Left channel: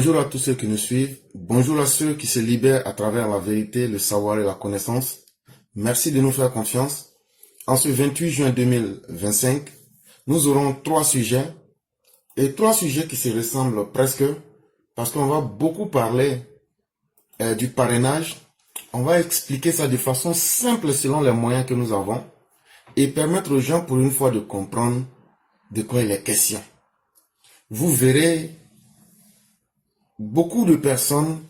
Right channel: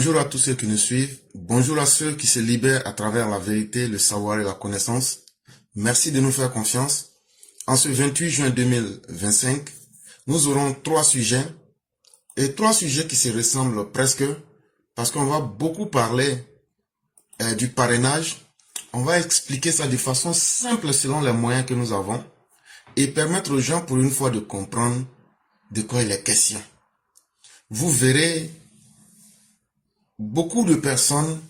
Bonjour à tous ceux qui nous suivent. Bonjour à ceux qui se libèrent à travers la vérité, le savoir et la connaissance. Merci de nous faire confiance. En ce 28 juin 2025, nous aurons trois sujets qui se ressemblent presque parce qu'on va beaucoup parler du parrainage. On va expliquer ça de façon simple selon les moyens que nous avons et permettre aux gens pour une fois de comprendre de quoi il est question. Vous verrez beaucoup de personnes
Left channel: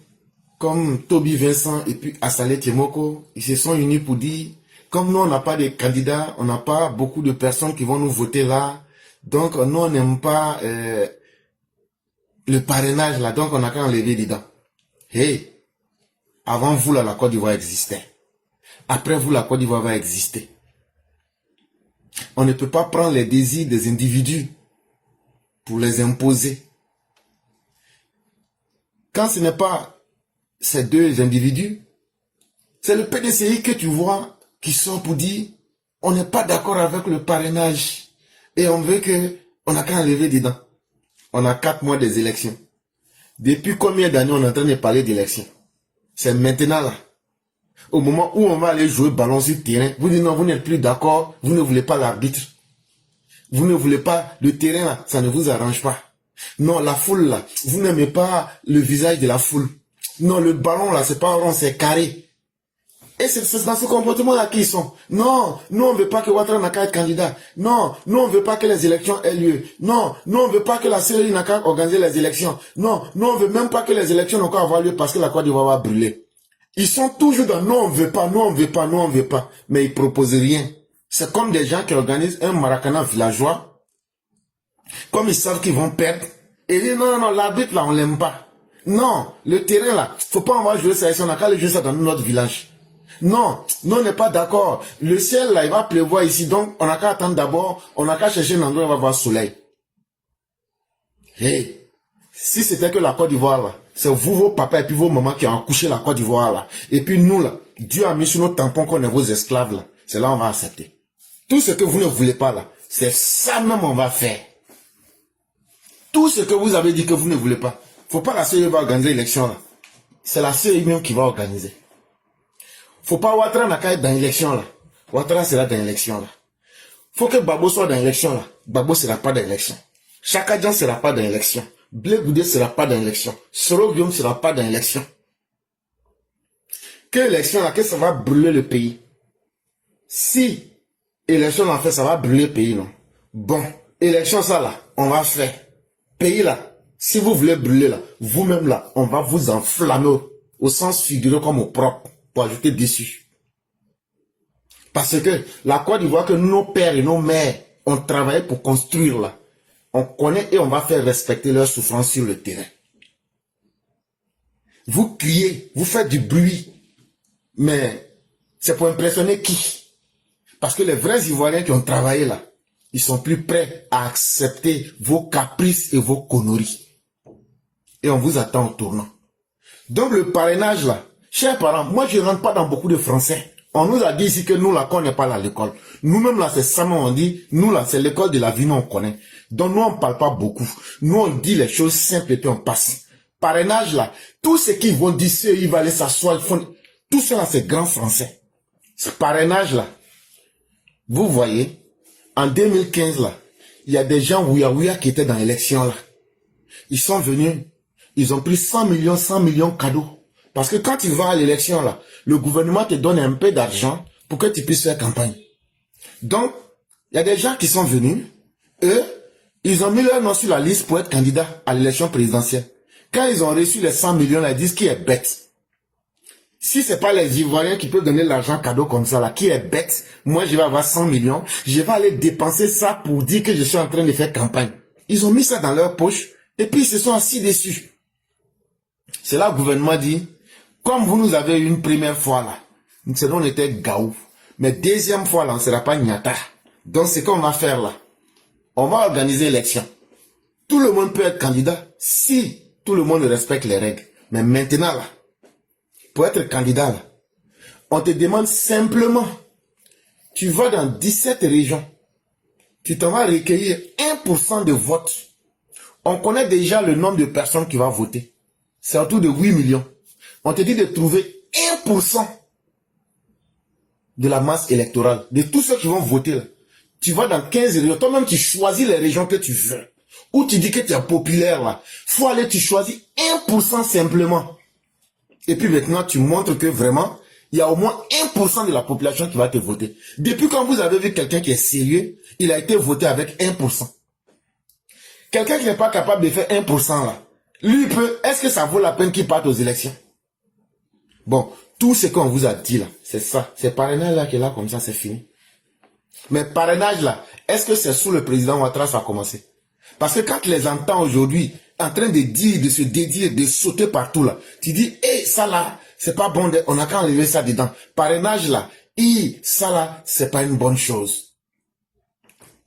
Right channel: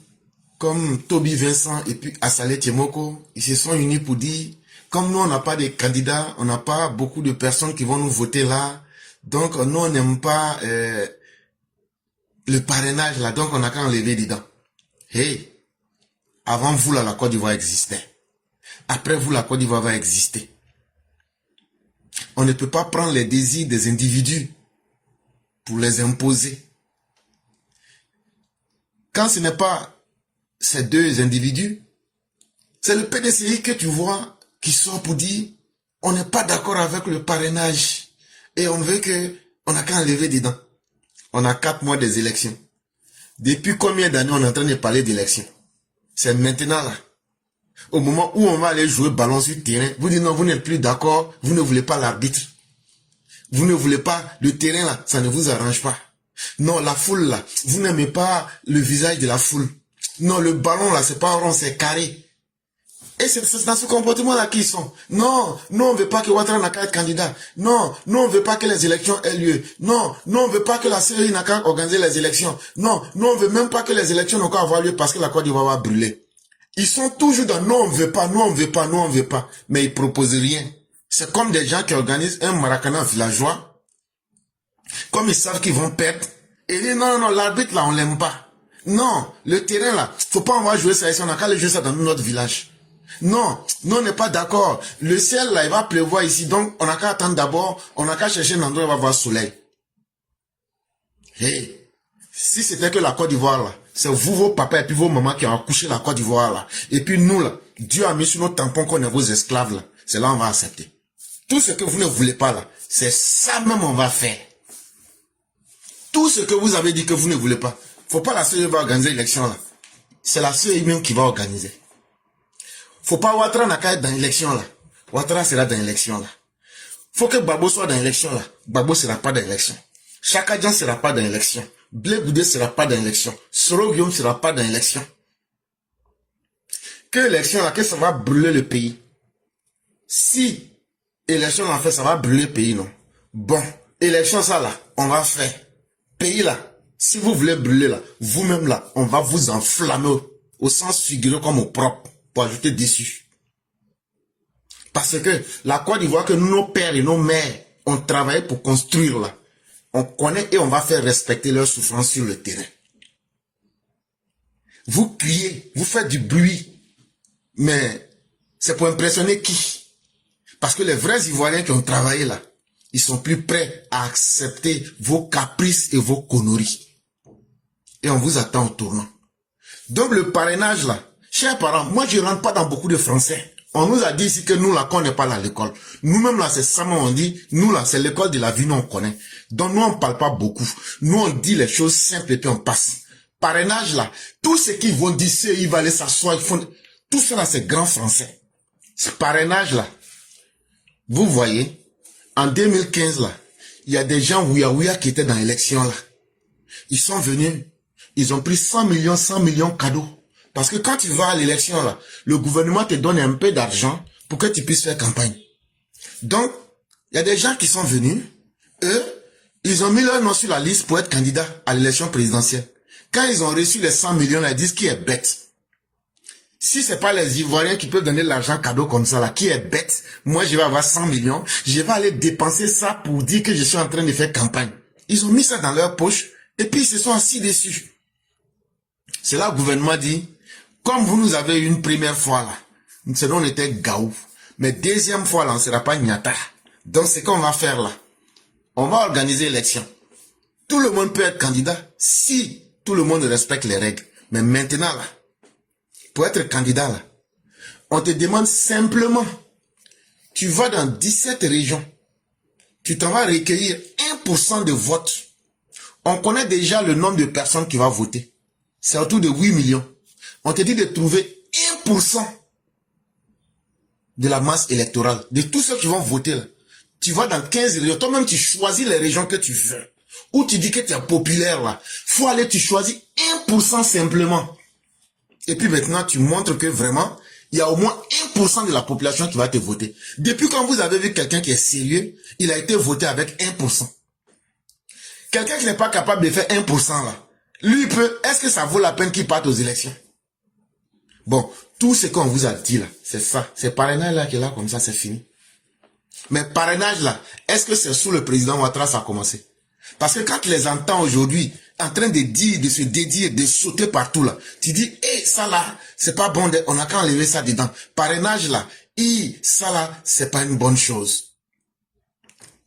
comme Toby Vincent et puis Assalé Tiemoko, ils se sont unis pour dire, comme nous on n'a pas de candidats, on n'a pas beaucoup de personnes qui vont nous voter là, donc nous on n'aime pas le parrainage là, donc on n'a qu'à enlever dedans. Hey, avant vous là, la Côte d'Ivoire existait. Après vous, la Côte d'Ivoire va exister. On ne peut pas prendre les désirs des individus pour les imposer. Quand ce n'est pas ces deux individus, c'est le PDCI que tu vois qui sort pour dire on n'est pas d'accord avec le parrainage et on veut que on n'a qu'à enlever dedans. On a 4 mois des élections. Depuis combien d'années on est en train de parler d'élections? C'est maintenant là. Au moment où on va aller jouer ballon sur le terrain, vous dites non, vous n'êtes plus d'accord, vous ne voulez pas l'arbitre. Vous ne voulez pas le terrain là, ça ne vous arrange pas. Non, la foule là, vous n'aimez pas le visage de la foule. Non, le ballon là, c'est pas rond, c'est carré. Et c'est dans ce comportement-là qu'ils sont. Non, nous on veut pas que Ouattara n'a qu'à être candidat. Non, nous on veut pas que les élections aient lieu. Non, nous on veut pas que la CEI n'a qu'à organiser les élections. Non, nous on veut même pas que les élections n'ont qu'à avoir lieu parce que la Côte d'Ivoire va brûler. Ils sont toujours dans non on veut pas, non on veut pas, non on veut pas. Mais ils proposent rien. C'est comme des gens qui organisent un Maracana villageois. Comme ils savent qu'ils vont perdre. Et ils disent non, non, l'arbitre là on l'aime pas. Non, le terrain là, faut pas on va jouer ça ici, on n'a qu'à aller jouer ça dans notre village. Non, nous on n'est pas d'accord. Le ciel là, il va pleuvoir ici, donc on n'a qu'à attendre d'abord, on n'a qu'à chercher un endroit où il va voir le soleil. Hey, si c'était que la Côte d'Ivoire là, c'est vous, vos papas et puis vos mamans qui ont accouché la Côte d'Ivoire là. Et puis nous là, Dieu a mis sur nos tampons qu'on est vos esclaves là. C'est là on va accepter. Tout ce que vous ne voulez pas là, c'est ça même on va faire. Tout ce que vous avez dit que vous ne voulez pas. Faut pas la CEI va organiser l'élection là. C'est la CEI même qui va organiser. Faut pas Ouattara n'a qu'à être dans l'élection là. Ouattara sera dans l'élection là. Faut que Babo soit dans l'élection là. Babo sera pas dans l'élection. Chaka Djan sera pas dans l'élection. Blé Goudé sera pas dans l'élection. Soro Guillaume sera pas dans l'élection. Que l'élection là, que ça va brûler le pays. Si élection on fait, ça va brûler le pays non. Bon, élection ça là, on va faire. Pays là, si vous voulez brûler là, vous-même là, on va vous enflammer au sens figuré comme au propre. Pour ajouter dessus. Parce que la Côte d'Ivoire que nos pères et nos mères ont travaillé pour construire là, on connaît et on va faire respecter leurs souffrances sur le terrain. Vous criez, vous faites du bruit, mais c'est pour impressionner qui? Parce que les vrais Ivoiriens qui ont travaillé là, ils sont plus prêts à accepter vos caprices et vos conneries. Et on vous attend au tournant. Donc le parrainage là, chers parents, moi je ne rentre pas dans beaucoup de français. On nous a dit ici que nous là, qu'on n'est pas là à l'école. Nous-mêmes là, c'est ça, on dit, nous là, c'est l'école de la vie, nous on connaît. Donc nous on ne parle pas beaucoup. Nous on dit les choses simples et puis on passe. Parrainage là, tout ce qu'ils vont dire, ils vont aller s'asseoir, ils font... Tout ça là, c'est grand français. Ce parrainage là, vous voyez, en 2015 là, il y a des gens ouïa qui étaient dans l'élection là. Ils sont venus, ils ont pris 100 millions cadeaux. Parce que quand tu vas à l'élection, là, le gouvernement te donne un peu d'argent pour que tu puisses faire campagne. Donc, il y a des gens qui sont venus, eux, ils ont mis leur nom sur la liste pour être candidats à l'élection présidentielle. Quand ils ont reçu les 100 millions, là, ils disent qui est bête. Si c'est pas les Ivoiriens qui peuvent donner l'argent cadeau comme ça, là, qui est bête, moi je vais avoir 100 millions, je vais aller dépenser ça pour dire que je suis en train de faire campagne. Ils ont mis ça dans leur poche, et puis ils se sont assis dessus. C'est là que le gouvernement dit, comme vous nous avez eu une première fois là, on était gaou. Mais deuxième fois là, on ne sera pas Nyata. Donc ce qu'on va faire là, on va organiser l'élection. Tout le monde peut être candidat si tout le monde respecte les règles. Mais maintenant là, pour être candidat là, on te demande simplement, tu vas dans 17 régions, tu t'en vas recueillir 1% de vote. On connaît déjà le nombre de personnes qui vont voter. c'est autour de 8 millions. On te dit de trouver 1% de la masse électorale, de tous ceux qui vont voter là. Tu vas dans 15 régions, toi-même tu choisis les régions que tu veux. Ou tu dis que tu es populaire là. Faut aller, tu choisis 1% simplement. Et puis maintenant, tu montres que vraiment, il y a au moins 1% de la population qui va te voter. Depuis quand vous avez vu quelqu'un qui est sérieux, il a été voté avec 1%. Quelqu'un qui n'est pas capable de faire 1% là, lui peut, est-ce que ça vaut la peine qu'il parte aux élections? Bon, tout ce qu'on vous a dit là, c'est ça. C'est parrainage là qui est là comme ça, c'est fini. Mais parrainage là, est-ce que c'est sous le président Ouattara ça a commencé? Parce que quand tu les entends aujourd'hui, en train de dire, de se dédier, de sauter partout là, tu dis, hé, ça là, c'est pas bon, on a qu'à enlever ça dedans. Parrainage là, ça là, c'est pas une bonne chose.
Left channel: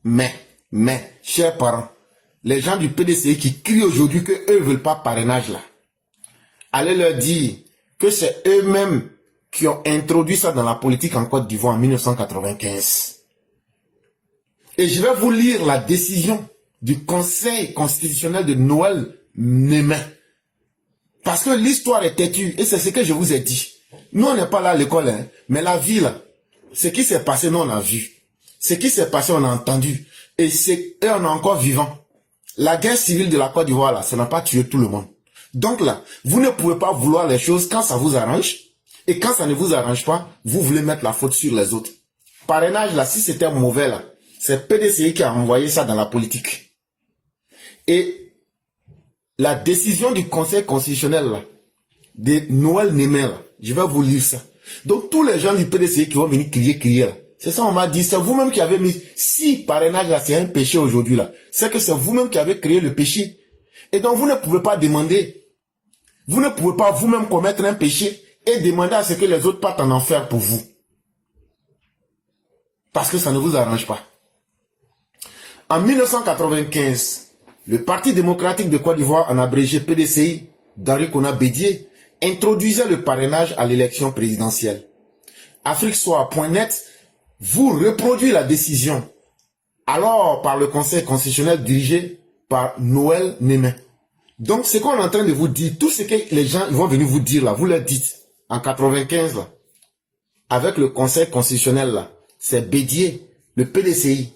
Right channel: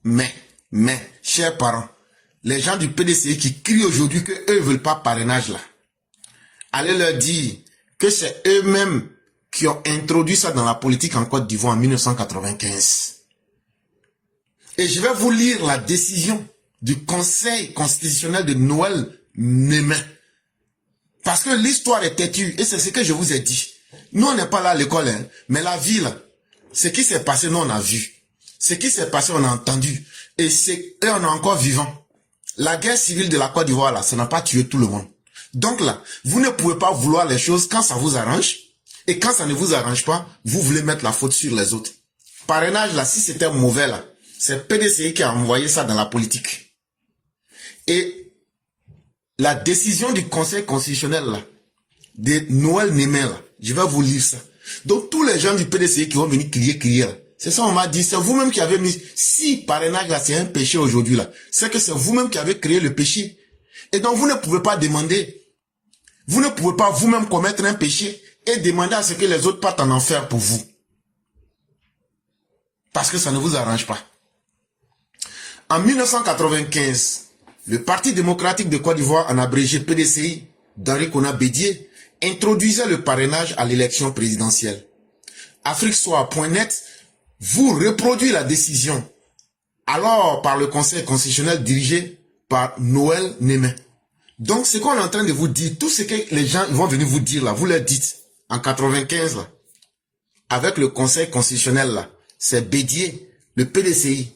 Mais, chers parents, les gens du PDCI qui crient aujourd'hui que eux veulent pas parrainage là, allez leur dire que c'est eux-mêmes qui ont introduit ça dans la politique en Côte d'Ivoire en 1995. Et je vais vous lire la décision du Conseil constitutionnel de Noël Némé. Parce que l'histoire est têtue, et c'est ce que je vous ai dit. Nous, on n'est pas là à l'école, hein, mais la vie, là, ce qui s'est passé, nous, on a vu. Ce qui s'est passé, on a entendu. Et on est encore vivant. La guerre civile de la Côte d'Ivoire, là, ça n'a pas tué tout le monde. Donc là, vous ne pouvez pas vouloir les choses quand ça vous arrange, et quand ça ne vous arrange pas, vous voulez mettre la faute sur les autres. Parrainage, là, si c'était mauvais, là, c'est PDCI qui a envoyé ça dans la politique. Et la décision du Conseil constitutionnel là, de Noël Némé, là, je vais vous lire ça. Donc tous les gens du PDCI qui vont venir crier là, c'est ça on m'a dit, c'est vous-même qui avez mis, si parrainage là c'est un péché aujourd'hui là, c'est que c'est vous-même qui avez créé le péché. Et donc vous ne pouvez pas demander, vous ne pouvez pas vous-même commettre un péché et demander à ce que les autres partent en enfer pour vous. Parce que ça ne vous arrange pas. En 1995, le Parti démocratique de Côte d'Ivoire, en abrégé PDCI, d'Henri Konan Bédié, introduisait le parrainage à l'élection présidentielle. AfriqueSoir.net vous reproduit la décision, alors par le Conseil constitutionnel dirigé par Noël Némé. Donc, ce qu'on est en train de vous dire, tout ce que les gens vont venir vous dire là, vous leur dites, en 95 là, avec le Conseil constitutionnel là, c'est Bédié, le PDCI,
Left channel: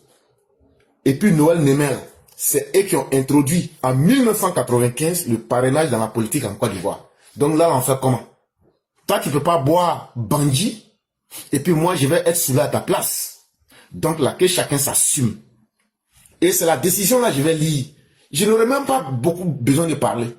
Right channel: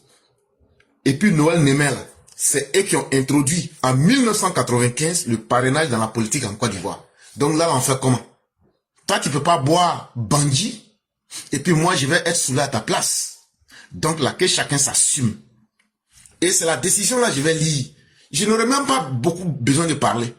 et puis Noël Némé là, c'est eux qui ont introduit en 1995 le parrainage dans la politique en Côte d'Ivoire. Donc là, on fait comment? Toi, tu ne peux pas boire bandit, et puis moi, je vais être sous à ta place. Donc là, que chacun s'assume. Et c'est la décision là, je vais lire. Je n'aurai même pas beaucoup besoin de parler.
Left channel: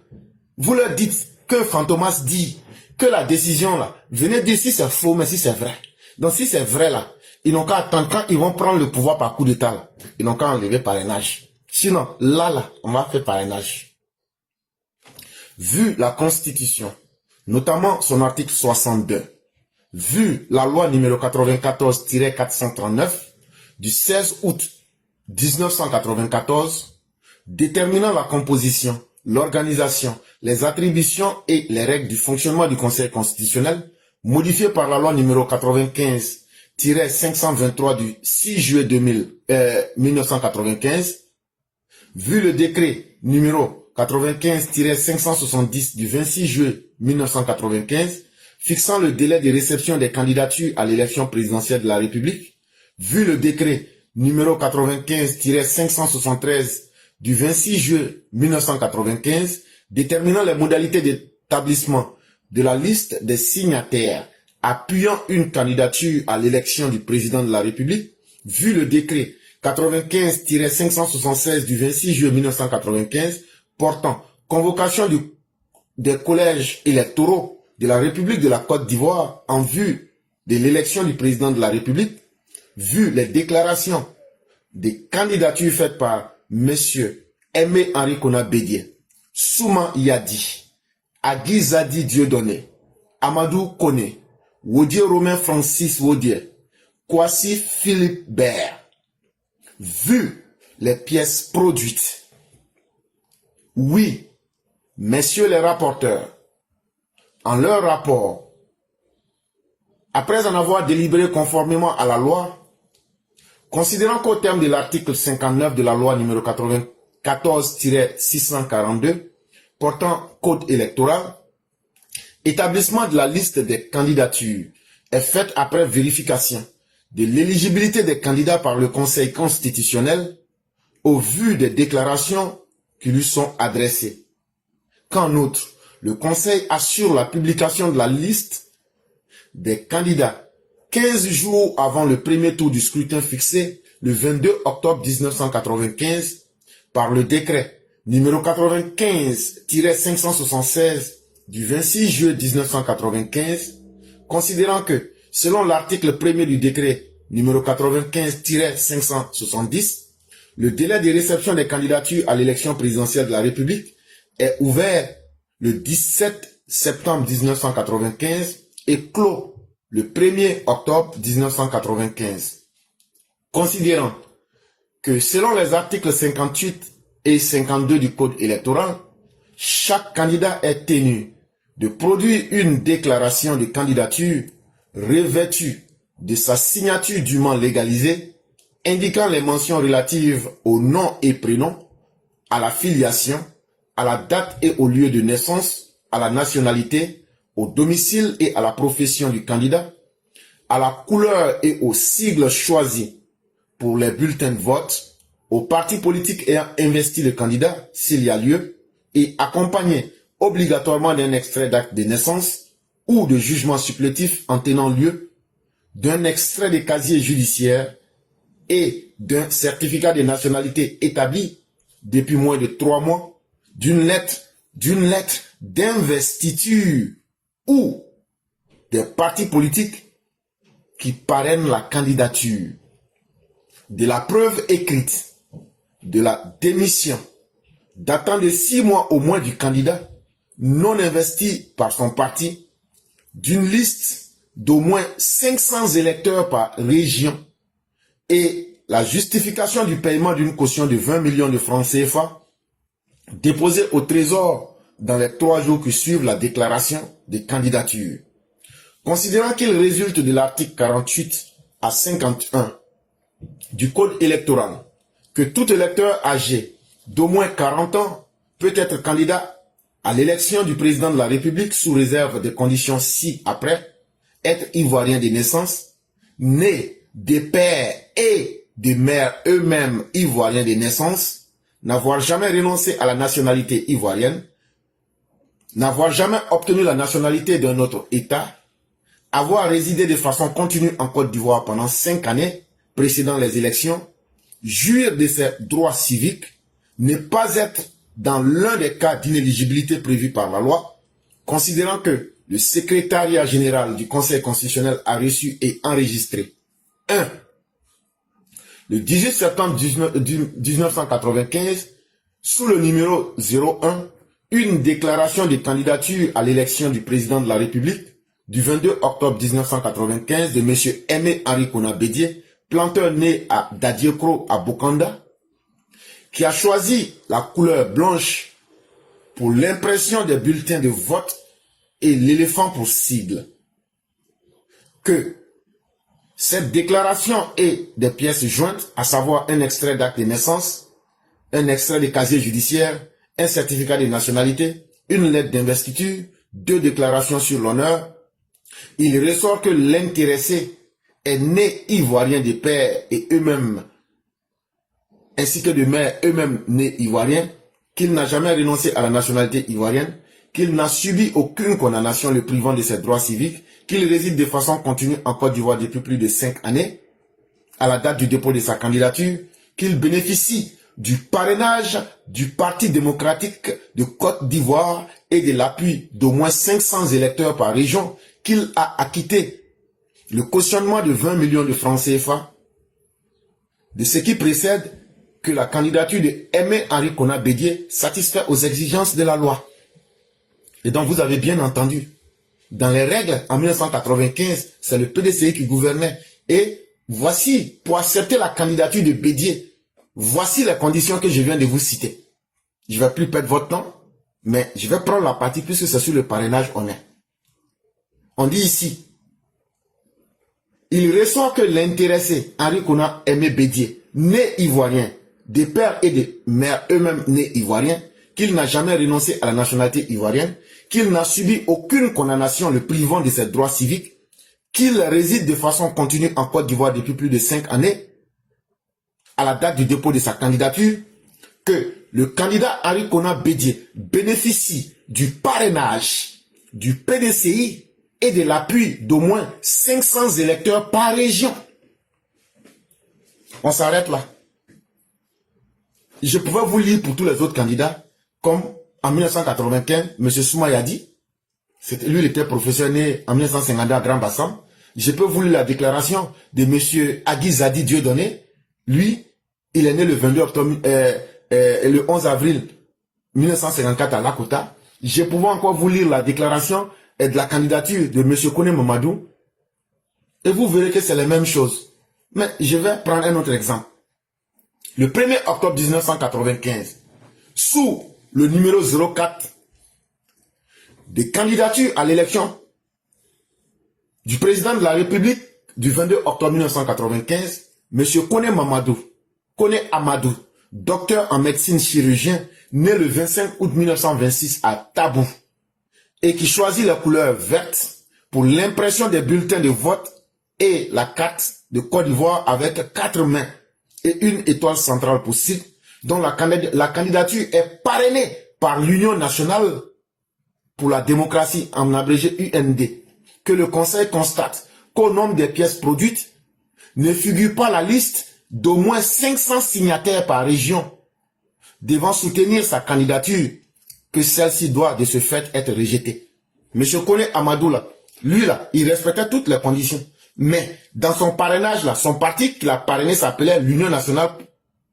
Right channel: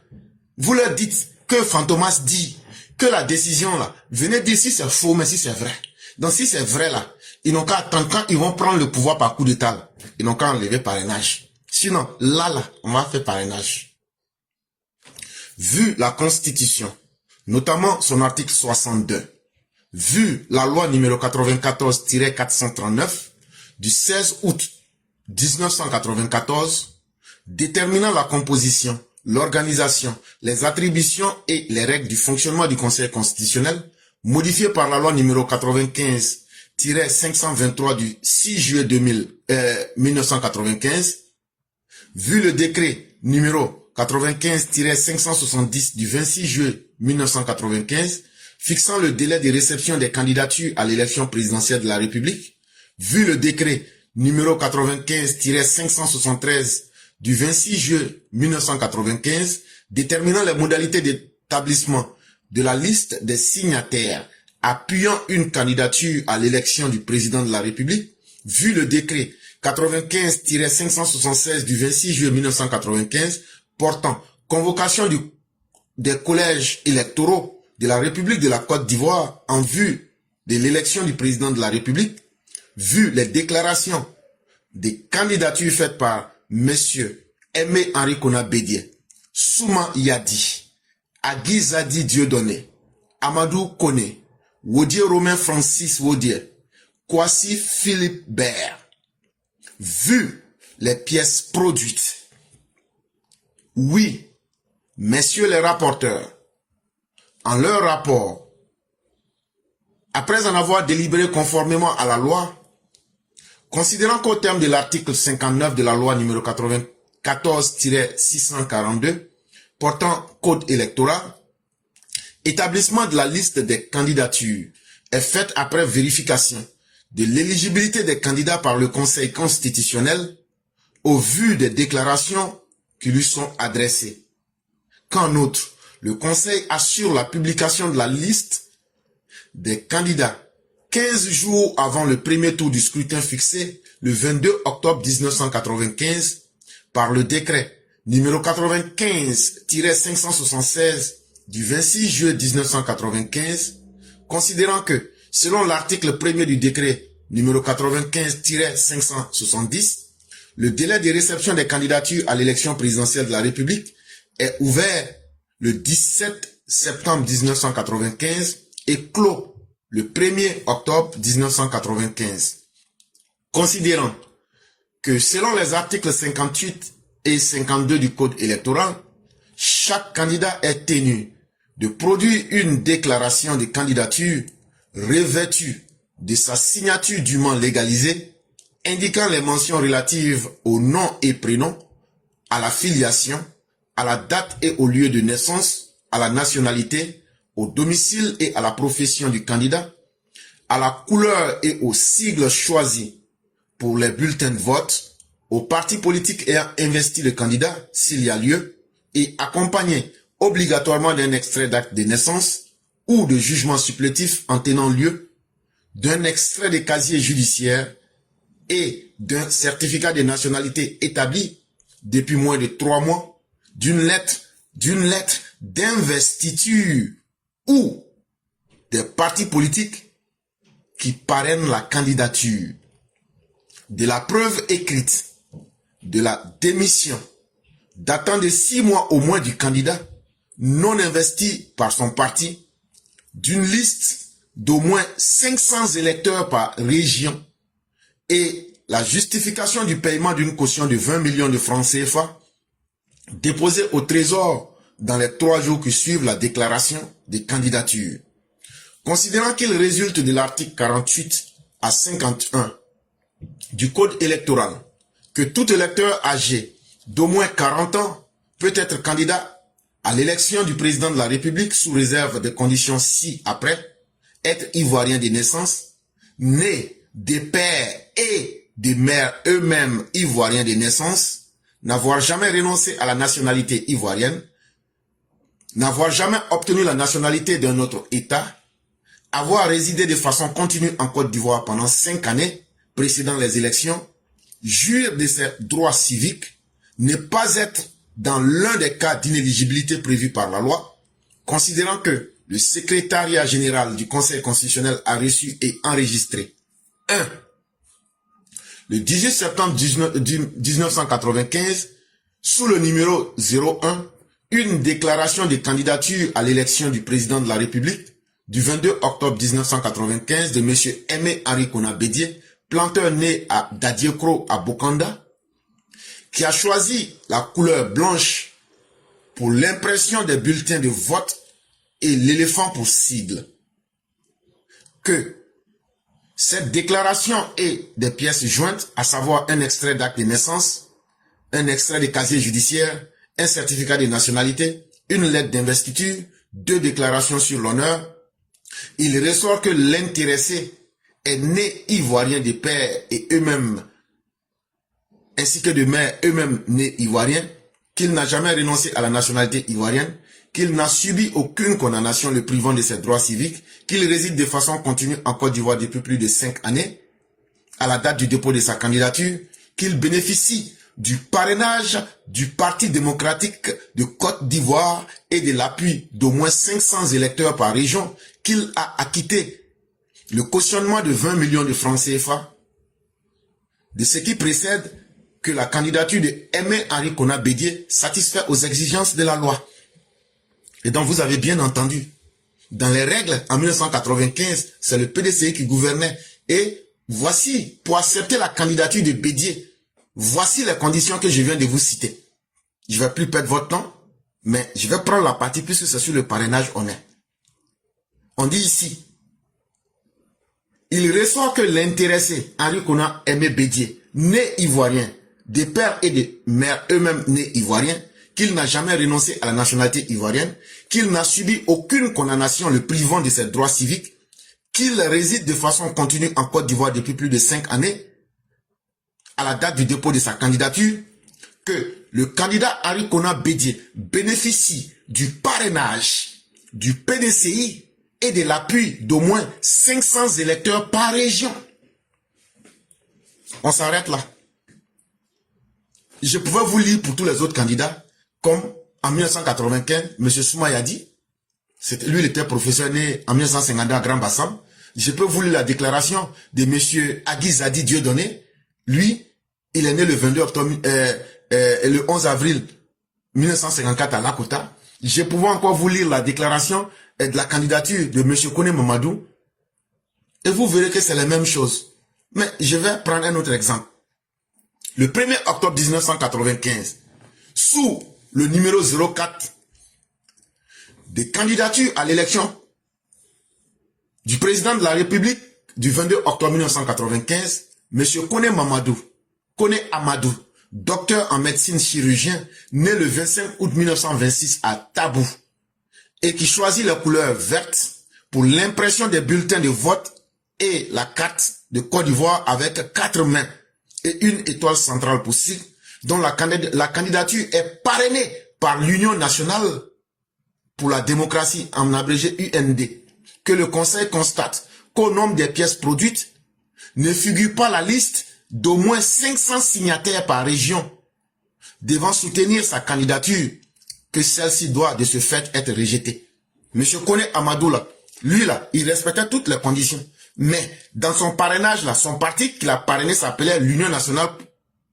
Vous leur dites que Fantomas dit que la décision là, venez dire si c'est faux, mais si c'est vrai. Donc si c'est vrai là, ils n'ont qu'à attendre quand ils vont prendre le pouvoir par coup d'état. Ils n'ont qu'à enlever parrainage. Sinon, là, on va faire parrainage. Vu la Constitution, notamment son article 62, vu la loi numéro 94-439 du 16 août 1994, déterminant la composition, l'organisation, les attributions et les règles du fonctionnement du Conseil constitutionnel, modifié par la loi numéro 95-523 du 6 juillet 1995, vu le décret numéro 95-570 du 26 juillet 1995, fixant le délai de réception des candidatures à l'élection présidentielle de la République, vu le décret numéro 95-573 du 26 juillet 1995, déterminant les modalités d'établissement de la liste des signataires appuyant une candidature à l'élection du président de la République, vu le décret 95-576 du 26 juillet 1995 portant convocation des collèges électoraux de la République de la Côte d'Ivoire en vue de l'élection du président de la République, vu les déclarations des candidatures faites par Monsieur Aimé Henri Konan Bédié, Souma Yadi, Agui Zadi Dieudonné, Amadou Koné, Wodier Romain Francis Wodier, Kwasi Philippe Baird, vu les pièces produites. Oui, messieurs les rapporteurs, en leur rapport, après en avoir délibéré conformément à la loi, considérant qu'au terme de l'article 59 de la loi numéro 94-642, portant code électoral, établissement de la liste des candidatures est fait après vérification de l'éligibilité des candidats par le Conseil constitutionnel au vu des déclarations qui lui sont adressées. Qu'en outre, le Conseil assure la publication de la liste des candidats 15 jours avant le premier tour du scrutin fixé le 22 octobre 1995 par le décret numéro 95-576 du 26 juillet 1995, considérant que, selon l'article 1er du décret numéro 95-570, le délai de réception des candidatures à l'élection présidentielle de la République est ouvert le 17 septembre 1995 et clos le 1er octobre 1995. Considérant que selon les articles 58 et 52 du Code électoral, chaque candidat est tenu de produire une déclaration de candidature revêtue de sa signature dûment légalisée, indiquant les mentions relatives au nom et prénom, à la filiation, à la date et au lieu de naissance, à la nationalité, au domicile et à la profession du candidat, à la couleur et aux sigles choisis pour les bulletins de vote, aux partis politiques ayant investi le candidat, s'il y a lieu, et accompagné obligatoirement d'un extrait d'acte de naissance ou de jugement supplétif en tenant lieu, d'un extrait de casier judiciaire et d'un certificat de nationalité établi depuis moins de 3 mois, d'une lettre d'investiture ou des partis politiques qui parrainent la candidature, de la preuve écrite de la démission datant de 6 mois au moins du candidat non investi par son parti, d'une liste d'au moins 500 électeurs par région et la justification du paiement d'une caution de 20 millions de francs CFA déposée au Trésor dans les 3 jours qui suivent la déclaration des candidatures. Considérant qu'il résulte de l'article 48 à 51 du Code électoral que tout électeur âgé d'au moins 40 ans peut être candidat à l'élection du président de la République sous réserve des conditions ci-après, être ivoirien de naissance, né des pères et des mères eux-mêmes ivoiriens de naissance, n'avoir jamais renoncé à la nationalité ivoirienne, n'avoir jamais obtenu la nationalité d'un autre État, avoir résidé de façon continue en Côte d'Ivoire pendant 5 années précédant les élections, jouir de ses droits civiques, ne pas être dans l'un des cas d'inéligibilité prévus par la loi, considérant que le secrétariat général du Conseil constitutionnel a reçu et enregistré 1. Le 18 septembre 1995, sous le numéro 01, une déclaration de candidature à l'élection du président de la République du 22 octobre 1995 de M. Aimé Henri Konan Bédié, planteur né à Dadiekro à Bokanda, qui a choisi la couleur blanche pour l'impression des bulletins de vote et l'éléphant pour sigle. Que cette déclaration et des pièces jointes, à savoir un extrait d'acte de naissance, un extrait de casier judiciaire, un certificat de nationalité, une lettre d'investiture, 2 déclarations sur l'honneur, il ressort que l'intéressé est né ivoirien de père et eux-mêmes, ainsi que de mère eux-mêmes nés ivoiriens, qu'il n'a jamais renoncé à la nationalité ivoirienne, qu'il n'a subi aucune condamnation le privant de ses droits civiques, qu'il réside de façon continue en Côte d'Ivoire depuis plus de 5 années, à la date du dépôt de sa candidature, qu'il bénéficie du parrainage du Parti démocratique de Côte d'Ivoire et de l'appui d'au moins 500 électeurs par région, qu'il a acquitté le cautionnement de 20 millions de francs CFA, de ce qui précède que la candidature de Aimé Henri Konan Bédié satisfait aux exigences de la loi. Et donc vous avez bien entendu, dans les règles, en 1995, c'est le PDCI qui gouvernait. Et voici, pour accepter la candidature de Bédié, voici les conditions que je viens de vous citer. Je ne vais plus perdre votre temps, mais je vais prendre la partie puisque c'est sur le parrainage on est. On dit ici, il ressort que l'intéressé Henri Konan Aimé Bédié, né ivoirien, des pères et des mères eux-mêmes nés ivoiriens, qu'il n'a jamais renoncé à la nationalité ivoirienne, qu'il n'a subi aucune condamnation le privant de ses droits civiques, qu'il réside de façon continue en Côte d'Ivoire depuis plus de 5 années, à la date du dépôt de sa candidature, que le candidat Henri Konan Bédié bénéficie du parrainage du PDCI et de l'appui d'au moins 500 électeurs par région. On s'arrête là. Je pouvais vous lire pour tous les autres candidats, comme en 1995, M. Soumaïa dit, lui il était professeur né en 1952 à Grand Bassam. Je peux vous lire la déclaration de M. Agui Zadi Dieudonné. Lui, il est né le 22 octobre, le 11 avril 1954 à Lakota. Je pouvais encore vous lire la déclaration de la candidature de M. Kone Mamadou. Et vous verrez que c'est la même chose. Mais je vais prendre un autre exemple. Le 1er octobre 1995, sous le numéro 04 des candidatures à l'élection du président de la République du 22 octobre 1995, M. Kone Amadou, docteur en médecine chirurgien, né le 25 août 1926 à Tabou, et qui choisit la couleur verte pour l'impression des bulletins de vote et la carte de Côte d'Ivoire avec 4 mains et une étoile centrale possible, dont la candidature est parrainée par l'Union nationale pour la démocratie, en abrégé UND, que le Conseil constate qu'au nombre des pièces produites ne figure pas la liste d'au moins 500 signataires par région devant soutenir sa candidature, que celle-ci doit de ce fait être rejetée. M. Kone Amadou, il respectait toutes les conditions. Mais dans son parrainage, son parti qu'il a parrainé s'appelait l'Union nationale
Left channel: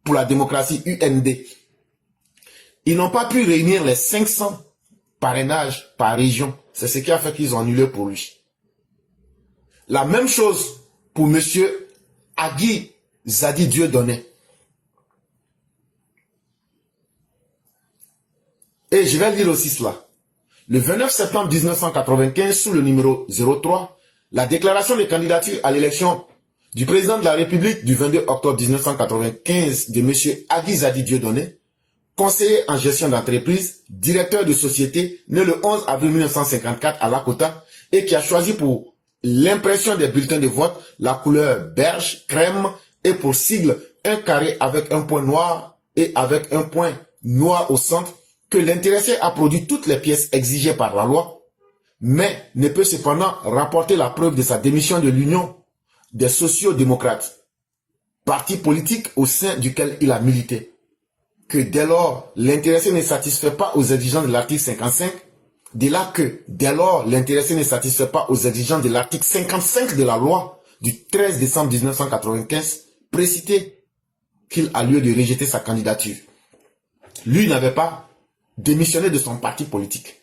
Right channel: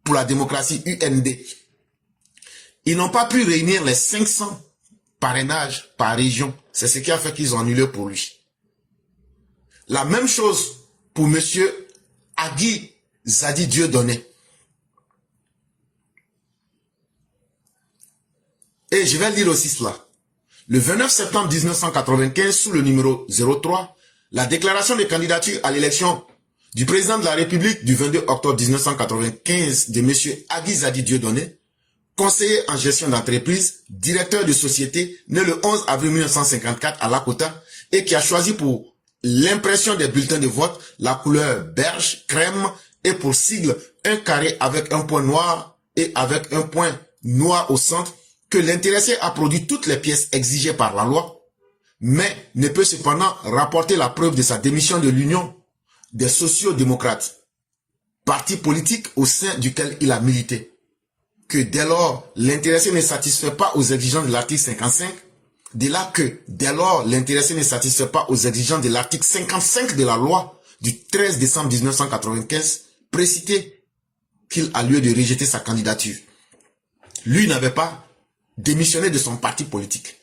pour la démocratie, UND. Ils n'ont pas pu réunir les 500 parrainages par région. C'est ce qui a fait qu'ils ont annulé pour lui. La même chose pour M. Agui Zadi Dieudonné. Et je vais lire aussi cela. Le 29 septembre 1995, sous le numéro 03, la déclaration de candidature à l'élection du président de la République du 22 octobre 1995 de M. Agui Zadi Dieudonné, conseiller en gestion d'entreprise, directeur de société, né le 11 avril 1954 à Lakota, et qui a choisi pour l'impression des bulletins de vote la couleur beige, crème, et pour sigle un carré avec un point noir et avec un point noir au centre, que l'intéressé a produit toutes les pièces exigées par la loi, mais ne peut cependant rapporter la preuve de sa démission de l'Union des sociaux-démocrates, parti politique au sein duquel il a milité. Que dès lors, l'intéressé ne satisfait pas aux exigences de l'article 55, dès lors, l'intéressé ne satisfait pas aux exigences de l'article 55 de la loi du 13 décembre 1995, précité qu'il a lieu de rejeter sa candidature. Lui n'avait pas démissionné de son parti politique.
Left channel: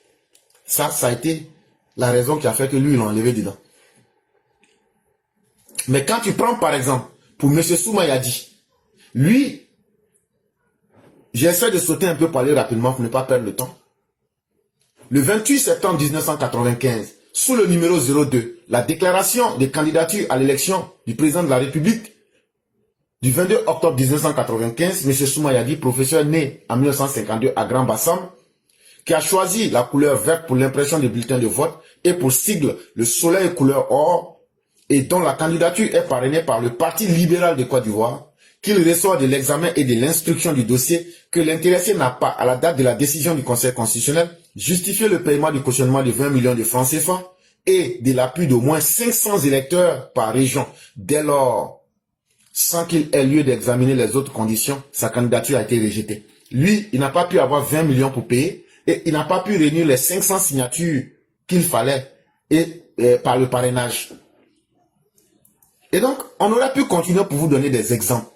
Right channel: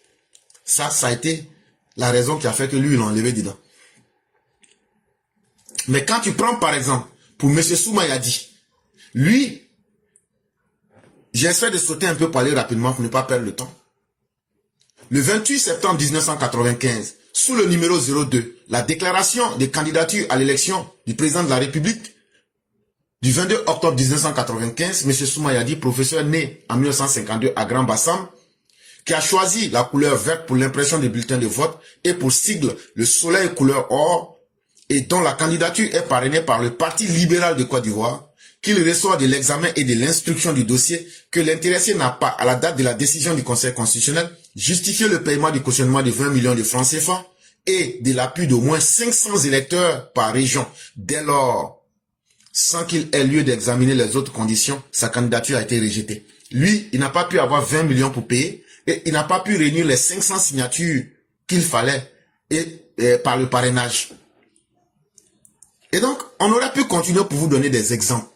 Ça a été la raison qui a fait que lui, il l'a enlevé dedans. Mais quand tu prends par exemple, pour M. Soumaïadi, lui, j'essaie de sauter un peu pour aller rapidement pour ne pas perdre le temps. Le 28 septembre 1995, sous le numéro 02, la déclaration de candidature à l'élection du président de la République du 22 octobre 1995, M. Soumaïadi, professeur né en 1952 à Grand Bassam, qui a choisi la couleur verte pour l'impression des bulletins de vote et pour sigle le soleil couleur or, et dont la candidature est parrainée par le Parti libéral de Côte d'Ivoire, qu'il reçoit de l'examen et de l'instruction du dossier, que l'intéressé n'a pas, à la date de la décision du Conseil constitutionnel, justifié le paiement du cautionnement de 20 millions de francs CFA et de l'appui d'au moins 500 électeurs par région. Dès lors, sans qu'il ait lieu d'examiner les autres conditions, sa candidature a été rejetée. Lui, il n'a pas pu avoir 20 millions pour payer et il n'a pas pu réunir les 500 signatures qu'il fallait par le parrainage. Et donc, on aurait pu continuer pour vous donner des exemples.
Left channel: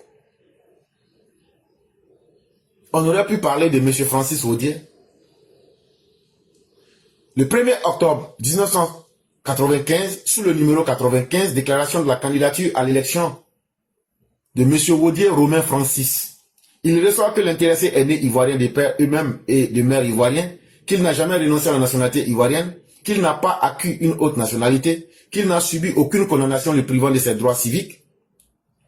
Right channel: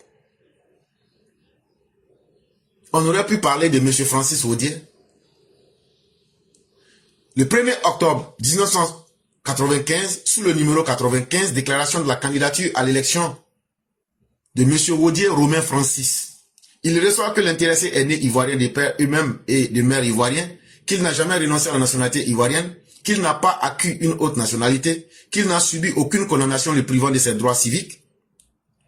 On aurait pu parler de M. Francis Audier. Le 1er octobre 1995, sous le numéro 95, déclaration de la candidature à l'élection de M. Audier Romain Francis. Il reçoit que l'intéressé est né ivoirien de père eux-mêmes et de mère ivoirien, qu'il n'a jamais renoncé à la nationalité ivoirienne, qu'il n'a pas acquis une autre nationalité, qu'il n'a subi aucune condamnation le privant de ses droits civiques.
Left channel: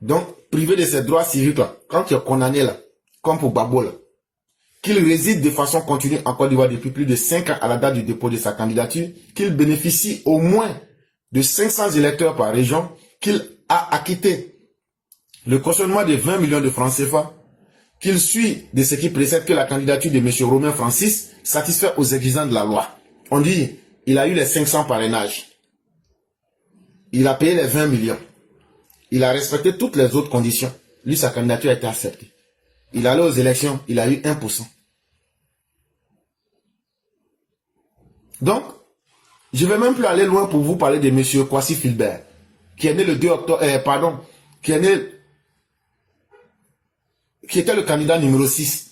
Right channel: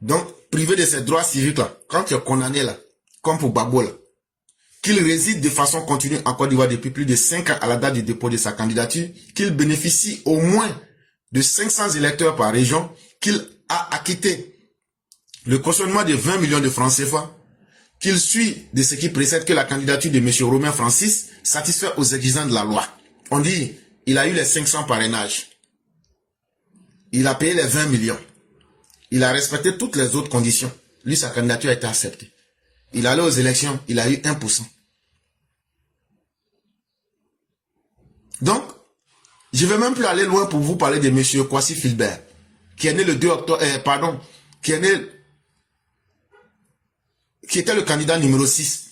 Donc, privé de ses droits civiques, là, quand tu es condamné, là, comme pour Babo, là, qu'il réside de façon continue en Côte d'Ivoire depuis plus de 5 ans à la date du dépôt de sa candidature, qu'il bénéficie au moins de 500 électeurs par région, qu'il a acquitté le cautionnement de 20 millions de francs CFA, qu'il suit de ce qui précède que la candidature de M. Romain Francis satisfait aux exigences de la loi. On dit, il a eu les 500 parrainages. Il a payé les 20 millions. Il a respecté toutes les autres conditions. Lui, sa candidature a été acceptée. Il est allé aux élections, il a eu 1%. Donc, je ne vais même plus aller loin pour vous parler de M. Kwasi Philbert, qui est né le 2 octobre, qui était le candidat numéro 6.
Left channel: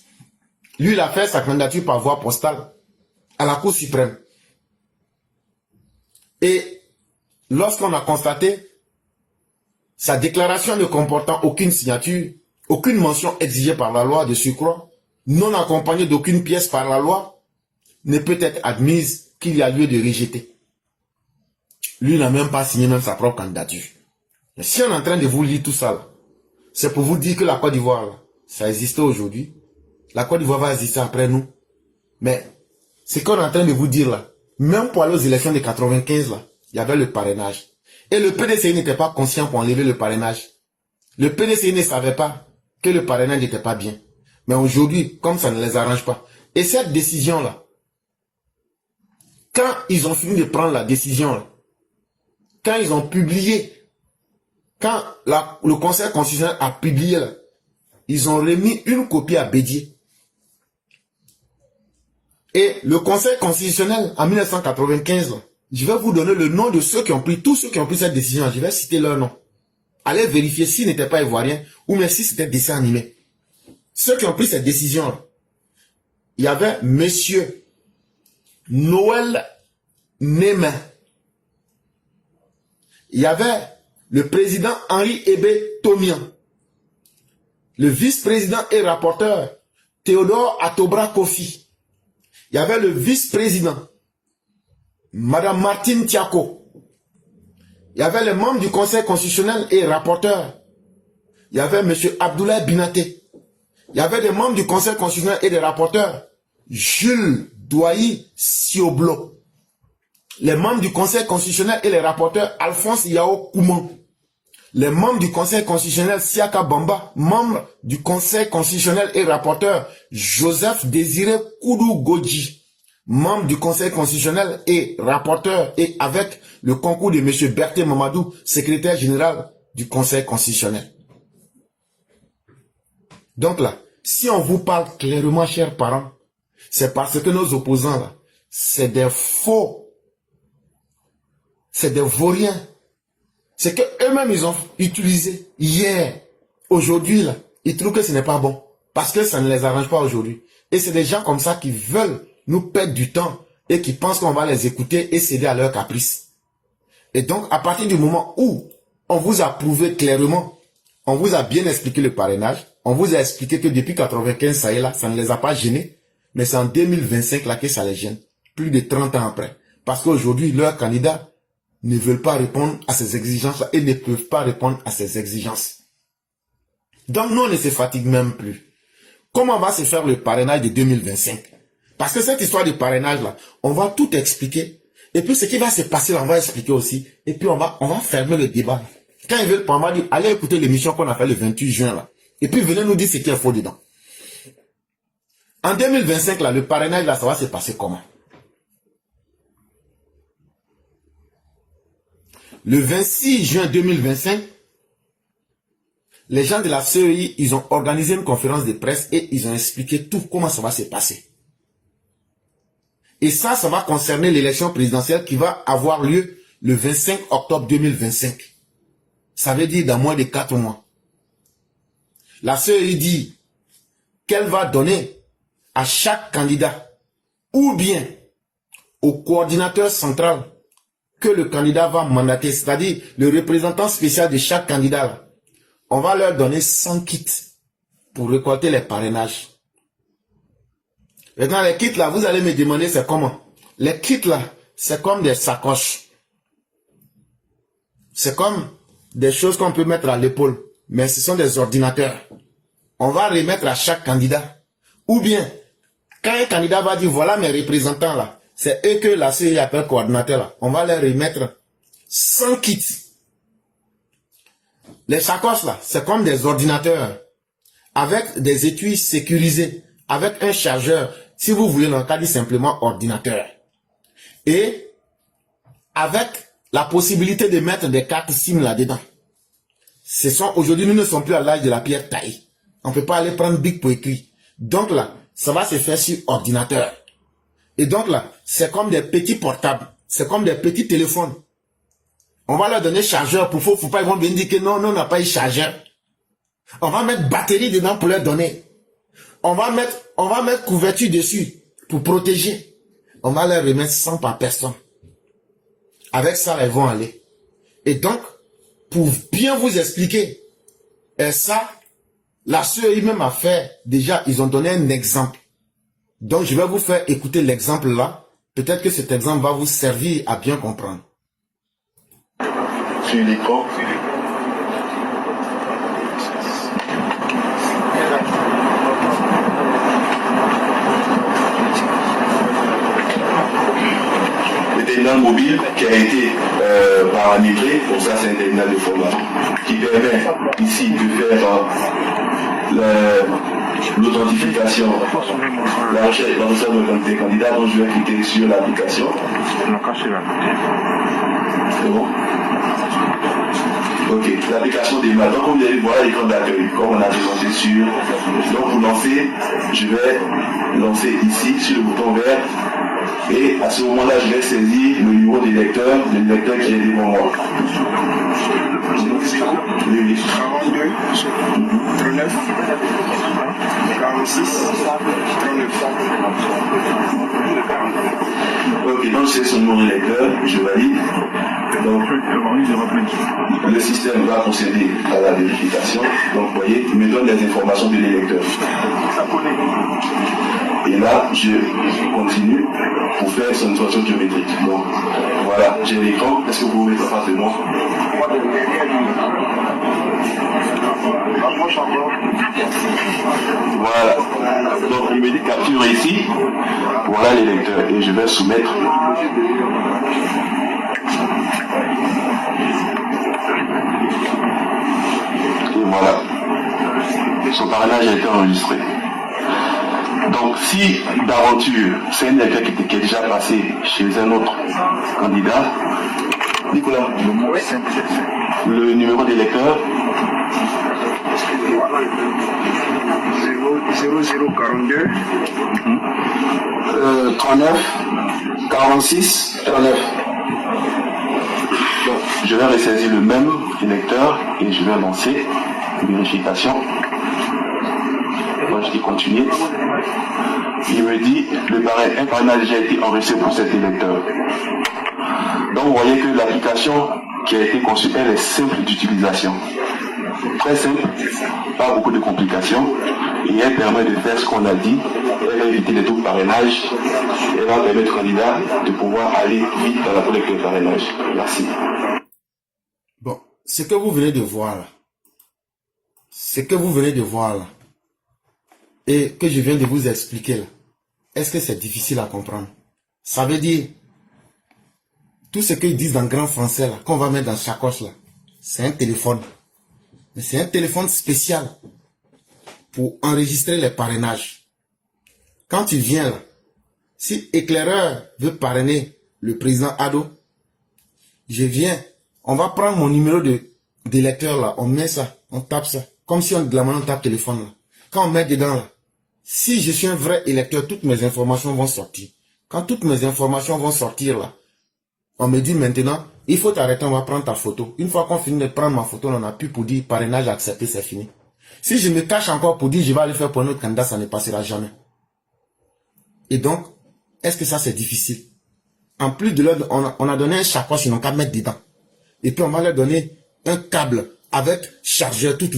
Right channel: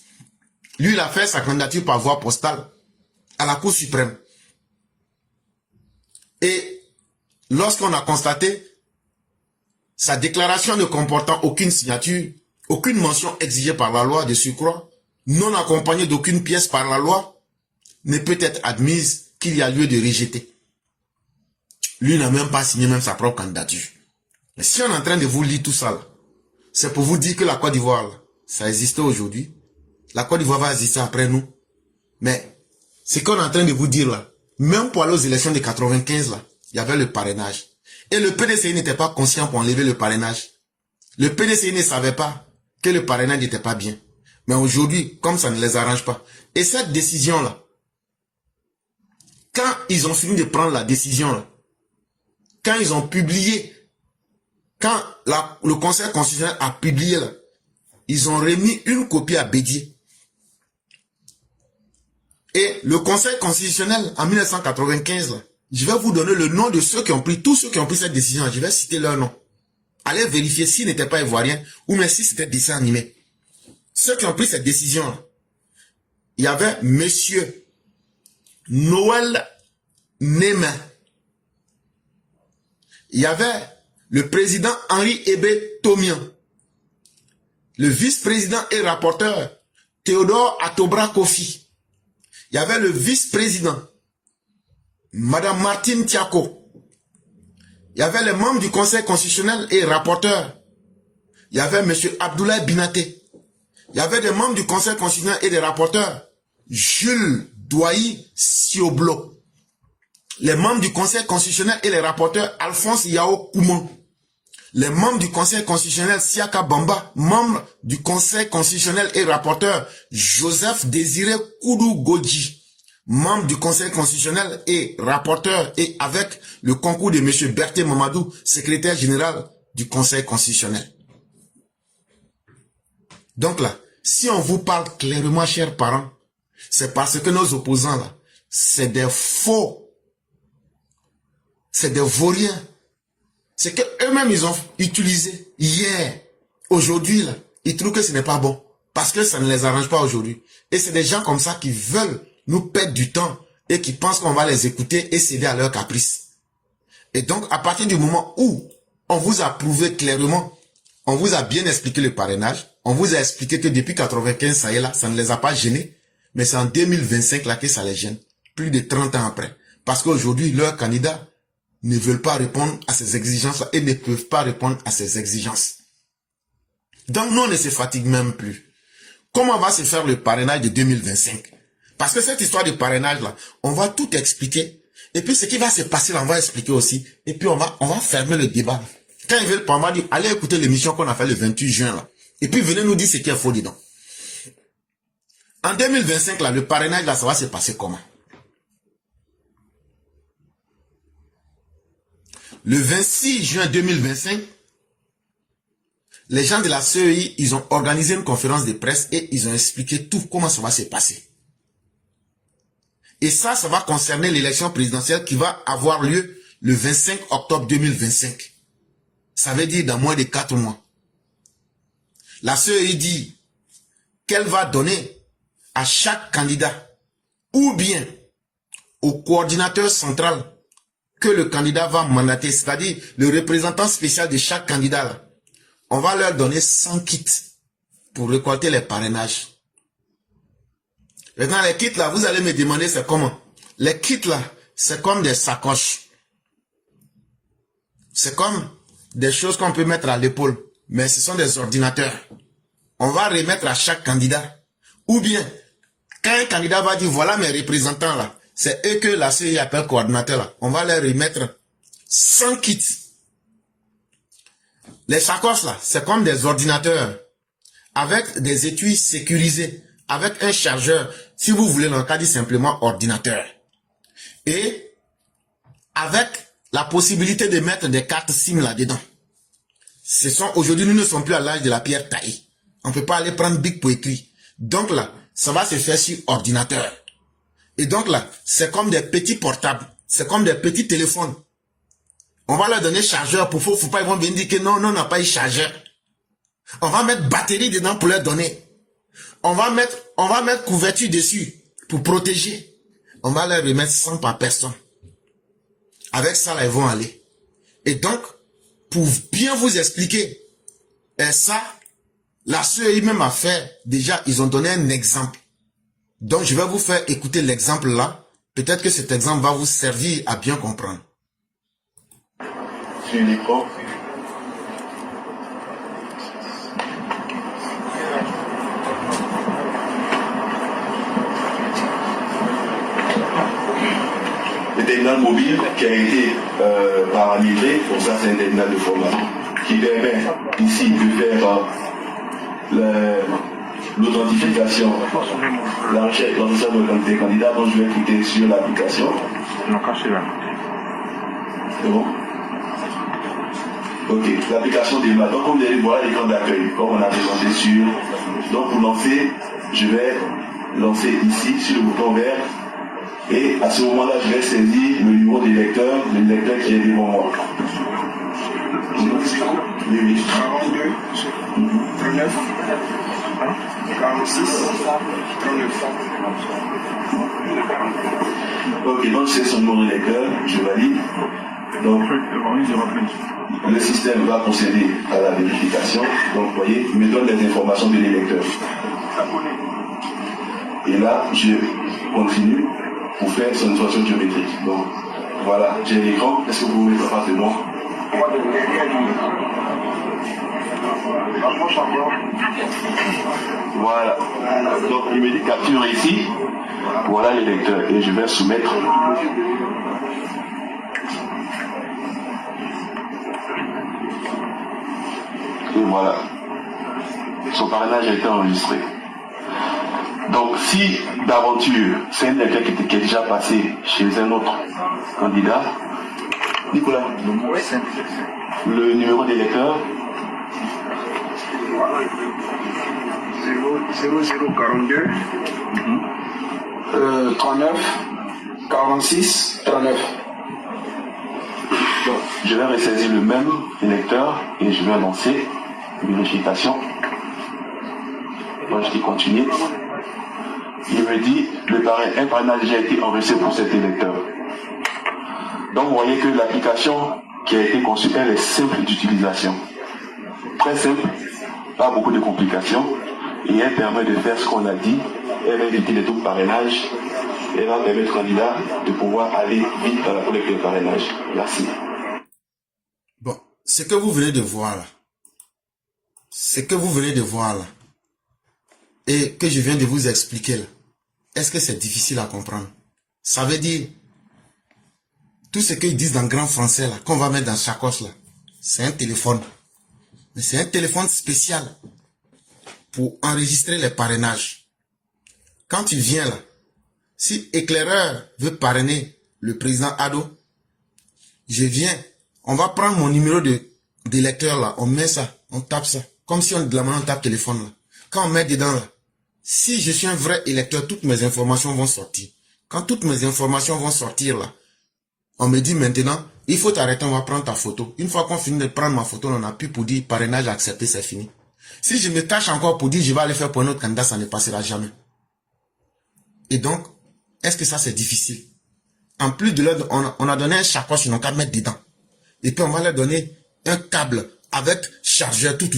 Lui, il a fait sa candidature par voie postale à la Cour suprême. Et lorsqu'on a constaté sa déclaration ne comportant aucune signature, aucune mention exigée par la loi de surcroît, non accompagnée d'aucune pièce par la loi, ne peut être admise qu'il y a lieu de rejeter. Lui n'a même pas signé même sa propre candidature. Mais si on est en train de vous lire tout ça, c'est pour vous dire que la Côte d'Ivoire, ça existait aujourd'hui. La Côte d'Ivoire va exister après nous. Mais ce qu'on est en train de vous dire là, même pour aller aux élections de 95 là, il y avait le parrainage. Et le PDCI n'était pas conscient pour enlever le parrainage. Le PDCI ne savait pas que le parrainage n'était pas bien. Mais aujourd'hui, comme ça ne les arrange pas. Et cette décision-là, quand ils ont fini de prendre la décision, là, quand ils ont publié, quand le Conseil constitutionnel a publié, là, ils ont remis une copie à Bédier. Et le Conseil constitutionnel, en 1995, là, je vais vous donner le nom de ceux qui ont pris, tous ceux qui ont pris cette décision. Je vais citer leur nom. Allez vérifier s'ils n'étaient pas ivoiriens ou même si c'était dessin animé. Ceux qui ont pris cette décision, il y avait Monsieur Noël Némin. Il y avait le président Henri Hébé Tomian. Le vice-président et rapporteur Théodore Atobra Kofi. Il y avait le vice-président Madame Martine Tiako. Il y avait les membres du Conseil constitutionnel et rapporteurs. Il y avait M. Abdoulaye Binaté. Il y avait des membres du Conseil constitutionnel et des rapporteurs. Jules Douayi Sioblo. Les membres du Conseil constitutionnel et les rapporteurs Alphonse Yao Kouman. Les membres du Conseil constitutionnel Siaka Bamba. Membres du Conseil constitutionnel et rapporteur Joseph Désiré Koudou Godji. Membre du Conseil constitutionnel et rapporteur et avec le concours de M. Berthe Mamadou, secrétaire général du Conseil constitutionnel. Donc là, si on vous parle clairement, chers parents, c'est parce que nos opposants, là, c'est des faux, c'est des vauriens. C'est qu'eux-mêmes, ils ont utilisé hier, aujourd'hui, là, ils trouvent que ce n'est pas bon. Parce que ça ne les arrange pas aujourd'hui. Et c'est des gens comme ça qui veulent nous perdre du temps et qui pensent qu'on va les écouter et céder à leurs caprices. Et donc, à partir du moment où on vous a prouvé clairement, on vous a bien expliqué le parrainage, on vous a expliqué que depuis 95, ça y est là, ça ne les a pas gênés, mais c'est en 2025 là que ça les gêne, plus de 30 ans après. Parce qu'aujourd'hui, leurs candidats ne veulent pas répondre à ces exigences-là et ne peuvent pas répondre à ces exigences. Donc, nous, on ne se fatigue même plus. Comment va se faire le parrainage de 2025? Parce que cette histoire de parrainage là, on va tout expliquer. Et puis ce qui va se passer là, on va expliquer aussi. Et puis on va fermer le débat. Quand ils veulent pas, on va dire, allez écouter l'émission qu'on a fait le 28 juin là. Et puis venez nous dire ce qui est faux dedans. En 2025 là, le parrainage là, ça va se passer comment? Le 26 juin 2025, les gens de la CEI, ils ont organisé une conférence de presse et ils ont expliqué tout comment ça va se passer. Et ça va concerner l'élection présidentielle qui va avoir lieu le 25 octobre 2025. Ça veut dire dans moins de 4 mois. La CEI dit qu'elle va donner à chaque candidat ou bien au coordinateur central que le candidat va mandater, c'est-à-dire le représentant spécial de chaque candidat. On va leur donner 100 kits pour récolter les parrainages. Maintenant, les kits là, vous allez me demander c'est comment. Les kits là, c'est comme des sacoches. C'est comme des choses qu'on peut mettre à l'épaule. Mais ce sont des ordinateurs. On va remettre à chaque candidat. Ou bien, Quand un candidat va dire, voilà mes représentants là, c'est eux que la CEI appelle coordinateur là, on va leur remettre 100 kits. Les sacoches là, c'est comme des ordinateurs, avec des étuis sécurisés, avec un chargeur, si vous voulez, dans le cas dit simplement ordinateur. Et avec la possibilité de mettre des cartes SIM là-dedans. Aujourd'hui, nous ne sommes plus à l'âge de la pierre taillée. On ne peut pas aller prendre Bic pour écrire. Donc là, ça va se faire sur ordinateur. Et donc là, c'est comme des petits portables. C'est comme des petits téléphones. On va leur donner chargeur pour faut pas, ils vont venir dire que non, on n'a pas eu chargeur. On va mettre batterie dedans pour leur donner. On va mettre couverture dessus pour protéger. On va leur remettre 100 par personne. Avec ça, ils vont aller. Et donc, pour bien vous expliquer, et ça, la CEI même a fait, déjà, ils ont donné un exemple. Donc, je vais vous faire écouter l'exemple là. Peut-être que cet exemple va vous servir à bien comprendre. Sur l'écran. Le terminal mobile qui a été paramétré, donc ça c'est un terminal de format, qui permet ici de faire l'authentification, la recherche de candidats. Donc je vais cliquer sur l'application. C'est bon? Ok, l'application démarre. Donc comme vous allez voir l'écran d'accueil, comme on a présenté sur. Donc pour lancer, je vais lancer ici sur le bouton vert. Et à ce moment-là, je vais saisir le numéro du lecteur, le lecteur qui est devant moi. Oui. 39, 46, 39. Ok, donc c'est son numéro de lecteur, je valide. Donc, le système va procéder à la vérification. Donc, vous voyez, il me donne les informations de l'électeur. Et là, je continue pour faire son instruction biométrique. Donc, voilà, j'ai l'écran. Est-ce que vous pouvez faire face de moi? Voilà. Donc, il me dit capture ici. Voilà l'électeur. Et je vais soumettre. Et voilà. Son parrainage a été enregistré. Donc, si d'aventure, c'est un électeur qui est déjà passé chez un autre candidat, Nicolas, le numéro d'électeur 0042 39 46 39. Donc, je vais ressaisir le même électeur et je vais lancer vérification. Donc, je dis continuer. Il me dit un parrainage a déjà été enregistré pour cet électeur. Donc vous voyez que l'application qui a été conçue, elle est simple d'utilisation. Très simple, pas beaucoup de complications. Et elle permet de faire ce qu'on a dit. Elle va éviter les doubles parrainages. Elle va permettre au candidat de pouvoir aller vite dans la collecte de parrainage. Merci. Bon, ce que vous venez de voir là, et que je viens de vous expliquer là, est-ce que c'est difficile à comprendre? Ça veut dire, tout ce qu'ils disent dans le grand français là, qu'on va mettre dans la sacoche là, c'est un téléphone. Mais c'est un téléphone spécial pour enregistrer les parrainages. Quand tu viens là, si éclaireur veut parrainer le président Ado, je viens, on va prendre mon numéro d'électeur là, on met ça, on tape ça, comme si de la main on tape téléphone là. Quand on met dedans là, si je suis un vrai électeur, toutes mes informations vont sortir. Quand toutes mes informations vont sortir là, on me dit maintenant, il faut t'arrêter, on va prendre ta photo. Une fois qu'on finit de prendre ma photo, on n'a plus pour dire parrainage accepté, c'est fini. Si je me tâche encore pour dire je vais aller faire pour un autre candidat, ça ne passera jamais. Et donc, est-ce que ça c'est difficile? En plus de leur, on a donné un sacoche, ils n'ont qu'à mettre dedans. Et puis on va leur donner un câble avec chargeur, tout.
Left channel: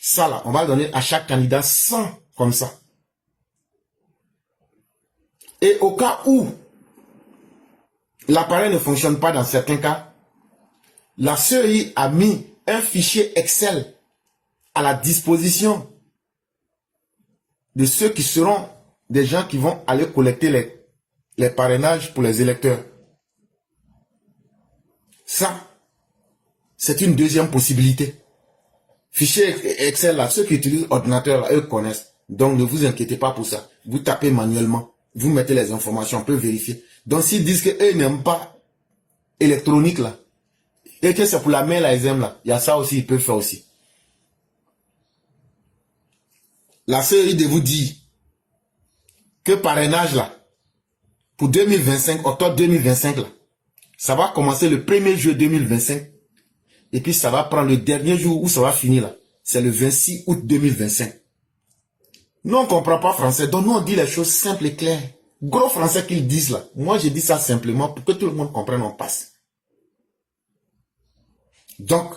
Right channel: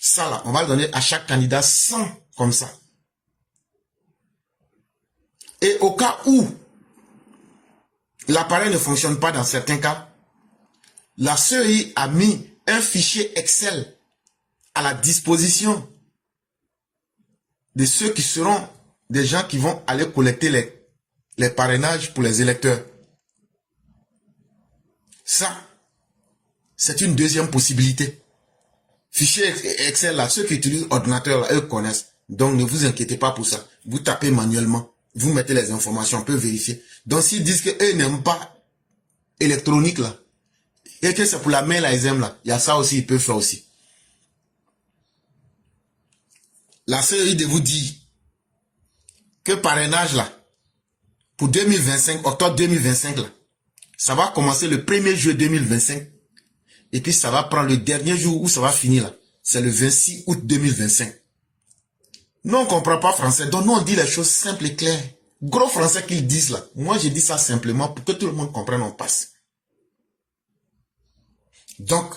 Ça là, on va le donner à chaque candidat 100 comme ça. Et au cas où l'appareil ne fonctionne pas dans certains cas, la CEI a mis un fichier Excel à la disposition de ceux qui seront des gens qui vont aller collecter les parrainages pour les électeurs. Ça, c'est une deuxième possibilité. Fichier Excel, là, ceux qui utilisent ordinateur, là, eux connaissent. Donc, ne vous inquiétez pas pour ça. Vous tapez manuellement. Vous mettez les informations, on peut vérifier. Donc, s'ils disent qu'eux n'aiment pas électronique, là, et que c'est pour la main, là, ils aiment, là, il y a ça aussi, ils peuvent faire aussi. La CEI de vous dire que parrainage, là, pour 2025, octobre 2025, là, ça va commencer le 1er juillet 2025. Et puis, ça va prendre le dernier jour où ça va finir, là. C'est le 26 août 2025. Nous, on ne comprend pas français. Donc, nous, on dit les choses simples et claires. Gros français qu'ils disent, là. Moi, je dis ça simplement pour que tout le monde comprenne, on passe. Donc,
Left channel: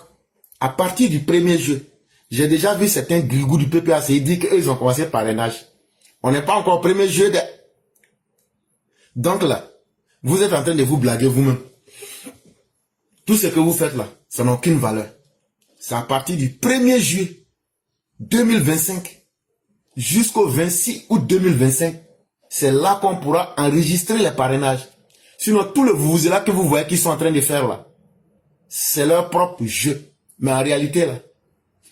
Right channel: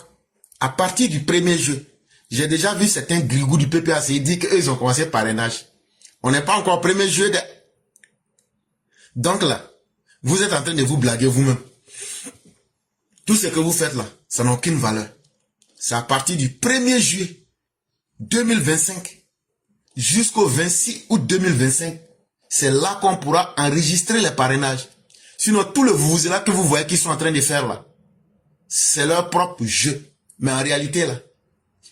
à partir du 1er juillet, j'ai déjà vu certains grigous du PPAC dire qu'ils ont commencé le parrainage. On n'est pas encore au 1er juillet. Donc là, vous êtes en train de vous blaguer vous-même. Tout ce que vous faites là, ça n'a aucune valeur. C'est à partir du 1er juillet 2025 jusqu'au 26 août 2025. C'est là qu'on pourra enregistrer les parrainages. Sinon, tout le vous-là que vous voyez qu'ils sont en train de faire là, c'est leur propre jeu. Mais en réalité là,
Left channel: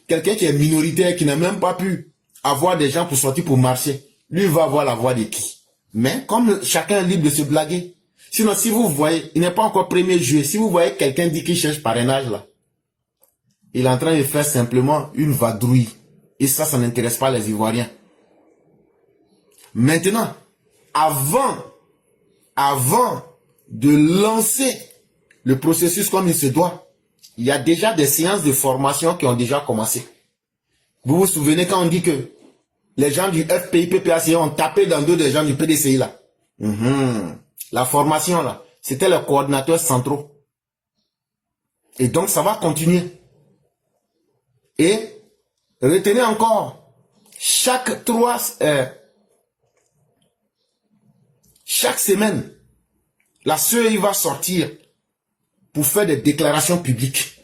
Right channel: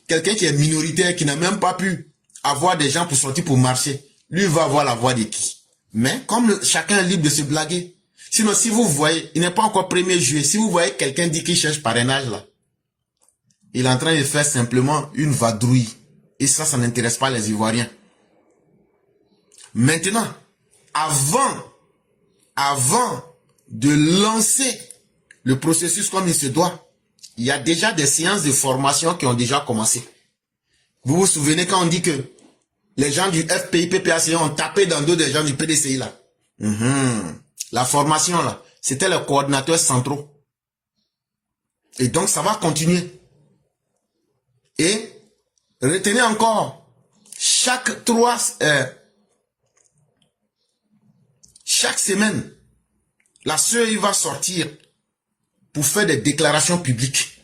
quelqu'un qui est minoritaire, qui n'a même pas pu avoir des gens pour sortir pour marcher, lui va avoir la voix de qui? Mais comme chacun est libre de se blaguer. Sinon, si vous voyez, il n'est pas encore 1er juillet, si vous voyez quelqu'un dit qu'il cherche parrainage là, il est en train de faire simplement une vadrouille. Et ça n'intéresse pas les Ivoiriens. Maintenant, avant de lancer le processus comme il se doit, il y a déjà des séances de formation qui ont déjà commencé. Vous vous souvenez quand on dit que les gens du FPI, PPAC ont tapé dans le dos des gens du PDCI là. La formation là, c'était les coordinateurs centraux. Et donc ça va continuer. Et retenez encore, chaque semaine, la CEI va sortir pour faire des déclarations publiques.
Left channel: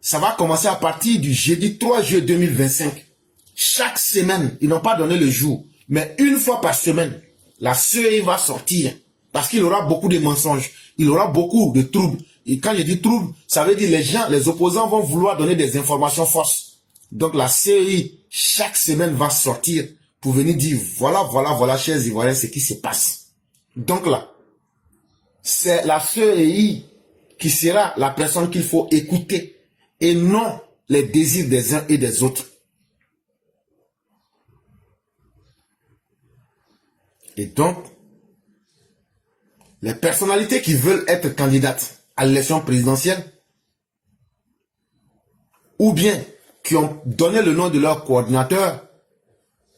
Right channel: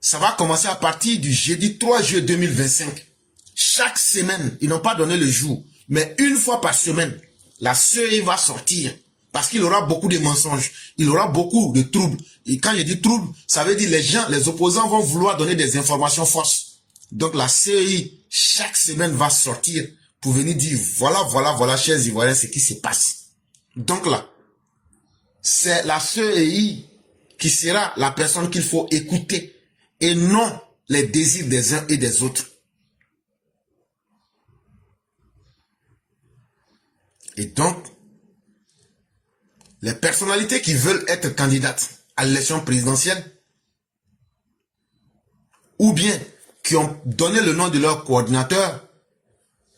Ça va commencer à partir du jeudi 3 juillet 2025. Chaque semaine, ils n'ont pas donné le jour, mais une fois par semaine, la CEI va sortir parce qu'il y aura beaucoup de mensonges, il y aura beaucoup de troubles. Et quand je dis troubles, ça veut dire les opposants vont vouloir donner des informations fausses. Donc la CEI, chaque semaine, va sortir pour venir dire voilà, chers Ivoiriens, ce qui se passe. Donc là, c'est la CEI qui sera la personne qu'il faut écouter et non les désirs des uns et des autres. Et donc, les personnalités qui veulent être candidates à l'élection présidentielle ou bien qui ont donné le nom de leur coordinateur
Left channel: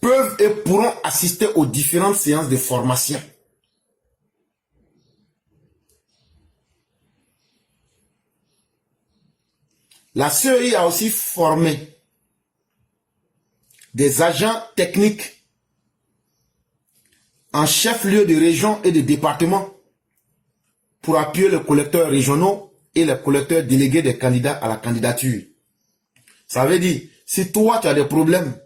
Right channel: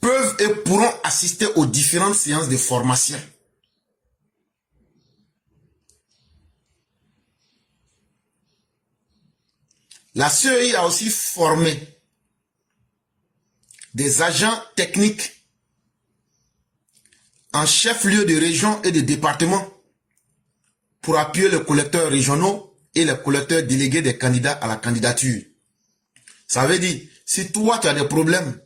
peuvent et pourront assister aux différentes séances de formation. La CEI a aussi formé des agents techniques en chef-lieu de région et de département pour appuyer les collecteurs régionaux et les collecteurs délégués des candidats à la candidature. Ça veut dire, si toi tu as des problèmes,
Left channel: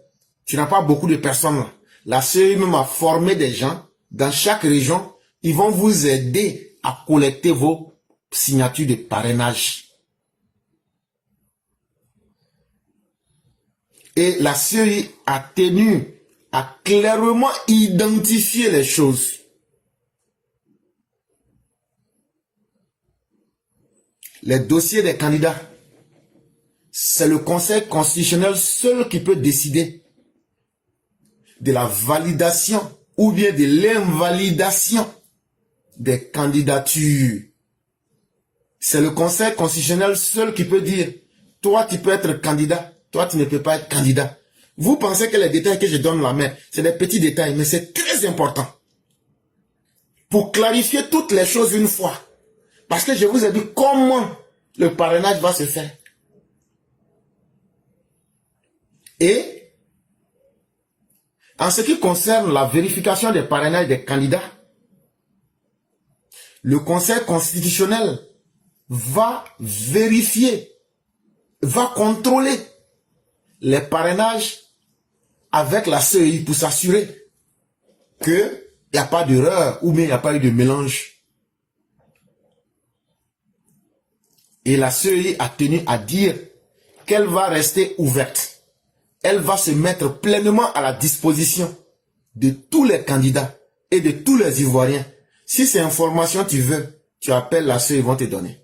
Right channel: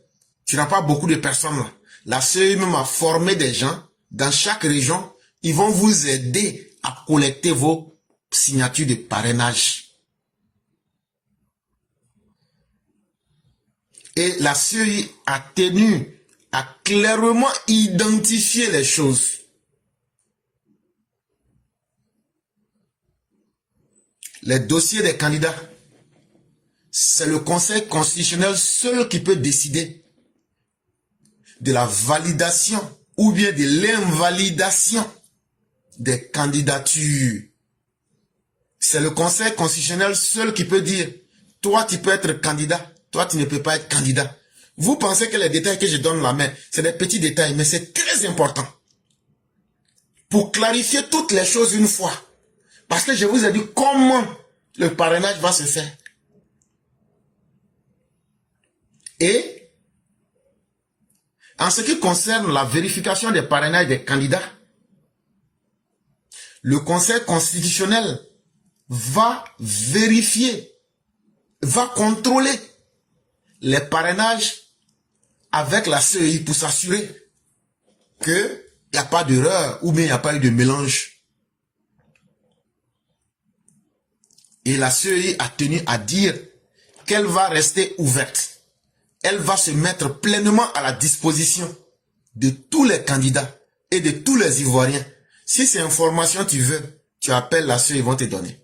tu n'as pas beaucoup de personnes là, la CEI même a formé des gens dans chaque région, ils vont vous aider à collecter vos signatures de parrainage. Et la CEI a tenu à clairement identifier les choses. Les dossiers des candidats, c'est le Conseil constitutionnel seul qui peut décider de la validation ou bien de l'invalidation des candidatures. C'est le Conseil constitutionnel seul qui peut dire, toi tu peux être candidat, toi tu ne peux pas être candidat. Vous pensez que les détails que je donne là, mais c'est des petits détails, mais c'est très important. Pour clarifier toutes les choses une fois. Parce que je vous ai dit comment le parrainage va se faire. Et en ce qui concerne la vérification des parrainages des candidats, le Conseil constitutionnel va vérifier, va contrôler les parrainages avec la CEI pour s'assurer qu'il n'y a pas d'erreur ou bien il n'y a pas eu de mélange. Et la CEI a tenu à dire qu'elle va rester ouverte. Elle va se mettre pleinement à la disposition de tous les candidats et de tous les Ivoiriens. Si c'est information tu veux, tu appelles la CEI, ils vont te donner.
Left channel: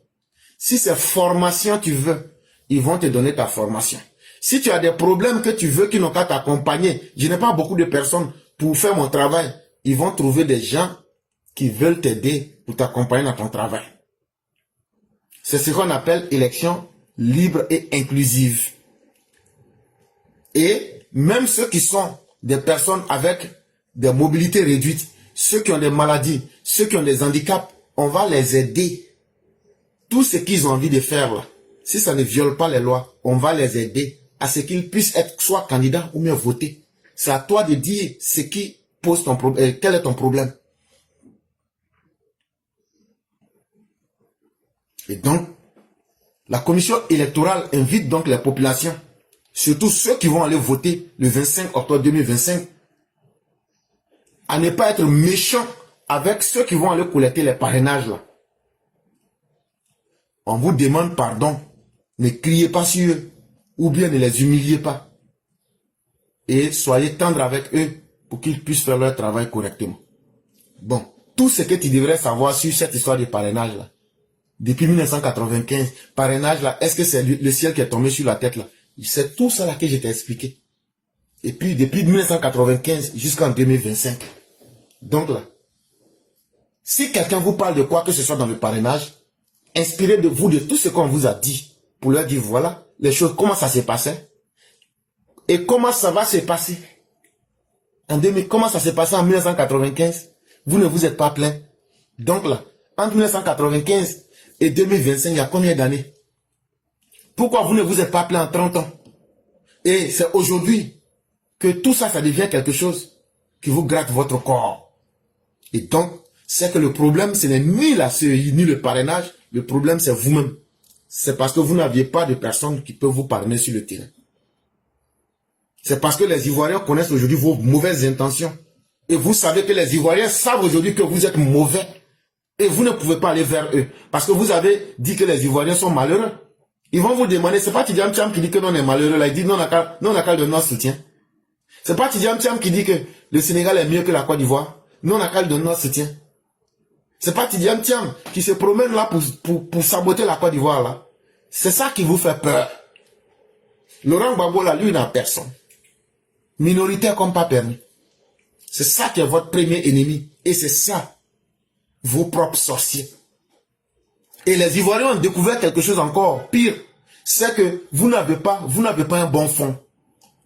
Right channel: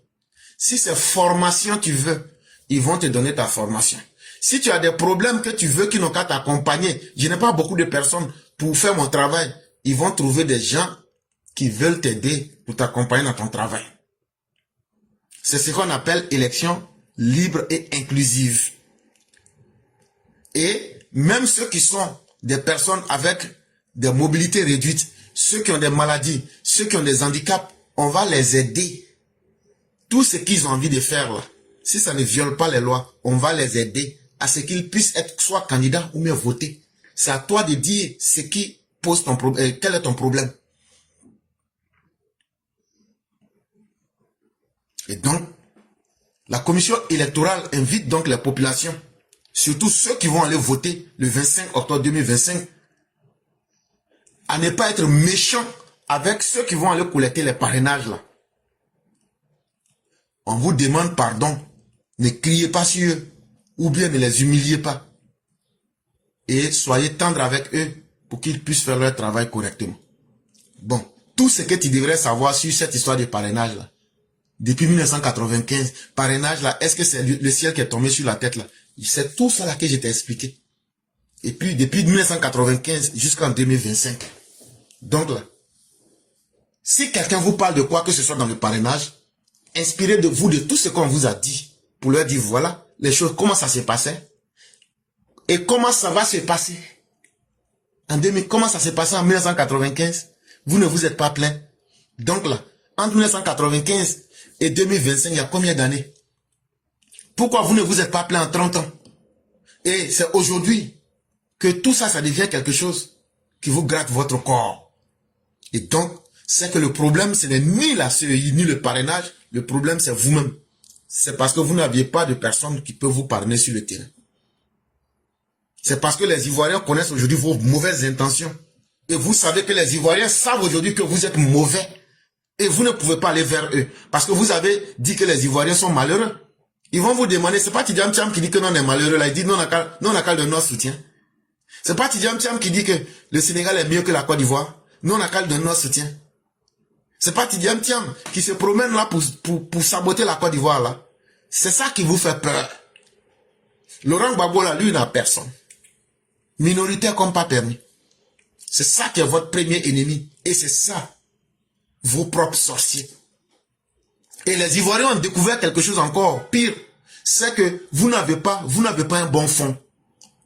Si c'est formation tu veux, ils vont te donner ta formation. Si tu as des problèmes que tu veux qu'ils n'ont qu'à t'accompagner, je n'ai pas beaucoup de personnes pour faire mon travail, ils vont trouver des gens qui veulent t'aider pour t'accompagner dans ton travail. C'est ce qu'on appelle élection libre et inclusive. Et même ceux qui sont des personnes avec des mobilités réduites, ceux qui ont des maladies, ceux qui ont des handicaps, on va les aider. Tout ce qu'ils ont envie de faire là, si ça ne viole pas les lois, on va les aider à ce qu'ils puissent être soit candidats ou bien voter. C'est à toi de dire ce qui pose ton problème, quel est ton problème. Et donc, la commission électorale invite donc les populations, surtout ceux qui vont aller voter le 25 octobre 2025, à ne pas être méchants avec ceux qui vont aller collecter les parrainages là. On vous demande pardon, ne criez pas sur eux, ou bien ne les humiliez pas. Et soyez tendres avec eux pour qu'ils puissent faire leur travail correctement. Bon, tout ce que tu devrais savoir sur cette histoire de parrainage là, depuis 1995, parrainage là, est-ce que c'est le ciel qui est tombé sur la tête là? C'est tout ça là que je t'ai expliqué. Et puis depuis 1995 jusqu'en 2025. Donc là, si quelqu'un vous parle de quoi que ce soit dans le parrainage, inspirez de vous de tout ce qu'on vous a dit pour leur dire voilà les choses, comment ça s'est passé et comment ça va se passer. Comment ça s'est passé en 1995? Vous ne vous êtes pas plaint. Donc là, entre 1995 et 2025, il y a combien d'années? Pourquoi vous ne vous êtes pas plaint en 30 ans? Et c'est aujourd'hui que tout ça, ça devient quelque chose qui vous gratte votre corps. Et donc, c'est que le problème, ce n'est ni la CEI, ni le parrainage. Le problème, c'est vous-même. C'est parce que vous n'aviez pas de personnes qui peuvent vous parrainer sur le terrain. C'est parce que les Ivoiriens connaissent aujourd'hui vos mauvaises intentions. Et vous savez que les Ivoiriens savent aujourd'hui que vous êtes mauvais. Et vous ne pouvez pas aller vers eux. Parce que vous avez dit que les Ivoiriens sont malheureux. Ils vont vous demander, c'est pas Tidjam Thiam qui dit que non, on est malheureux là. Il dit non, on n'a qu'à de notre soutien. C'est pas Tidjam Thiam qui dit que le Sénégal est mieux que la Côte d'Ivoire. Non, on n'a qu'à de notre soutien. C'est pas Tidjam Thiam qui se promène là pour saboter la Côte d'Ivoire là. C'est ça qui vous fait peur. Laurent Gbagbo là, lui, n'a personne. Minoritaire comme pas permis. C'est ça qui est votre premier ennemi. Et c'est ça, vos propres sorciers. Et les Ivoiriens ont découvert quelque chose encore pire. C'est que vous n'avez pas un bon fond.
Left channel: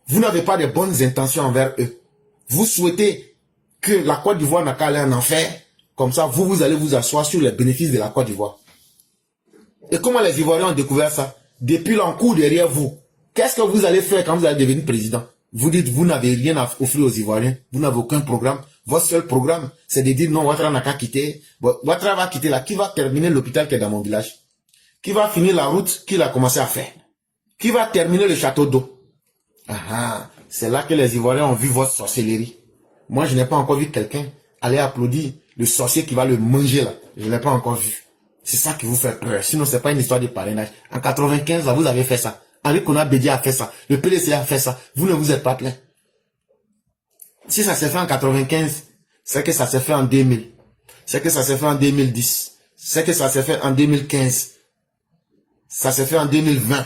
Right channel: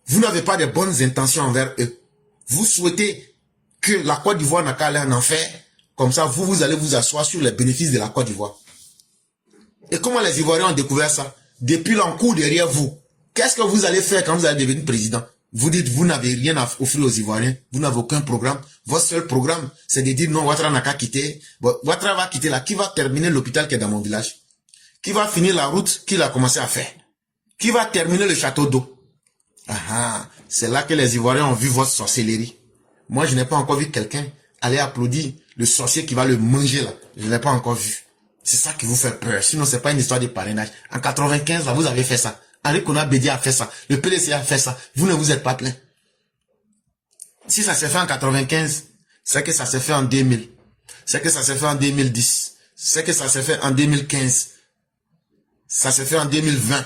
Vous n'avez pas de bonnes intentions envers eux. Vous souhaitez que la Côte d'Ivoire n'a qu'à aller en enfer. Comme ça, vous allez vous asseoir sur les bénéfices de la Côte d'Ivoire. Et comment les Ivoiriens ont découvert ça? Depuis l'encours derrière vous. Qu'est-ce que vous allez faire quand vous allez devenir président? Vous dites, vous n'avez rien à offrir aux Ivoiriens. Vous n'avez aucun programme. Votre seul programme, c'est de dire non, Ouattara n'a qu'à quitter. Ouattara va quitter là. Qui va terminer l'hôpital qui est dans mon village? Qui va finir la route qu'il a commencé à faire? Qui va terminer le château d'eau? C'est là que les Ivoiriens ont vu votre sorcellerie. Moi, je n'ai pas encore vu quelqu'un aller applaudir le sorcier qui va le manger là. Je ne l'ai pas encore vu. C'est ça qui vous fait peur. Sinon, c'est pas une histoire de parrainage. En 95, là, vous avez fait ça. Henri Konan Bédié a fait ça. Le PDC a fait ça. Vous ne vous êtes pas plaint. Si ça s'est fait en 95, c'est que ça s'est fait en 2000. C'est que ça s'est fait en 2010. C'est que ça s'est fait en 2015. Ça s'est fait en 2020.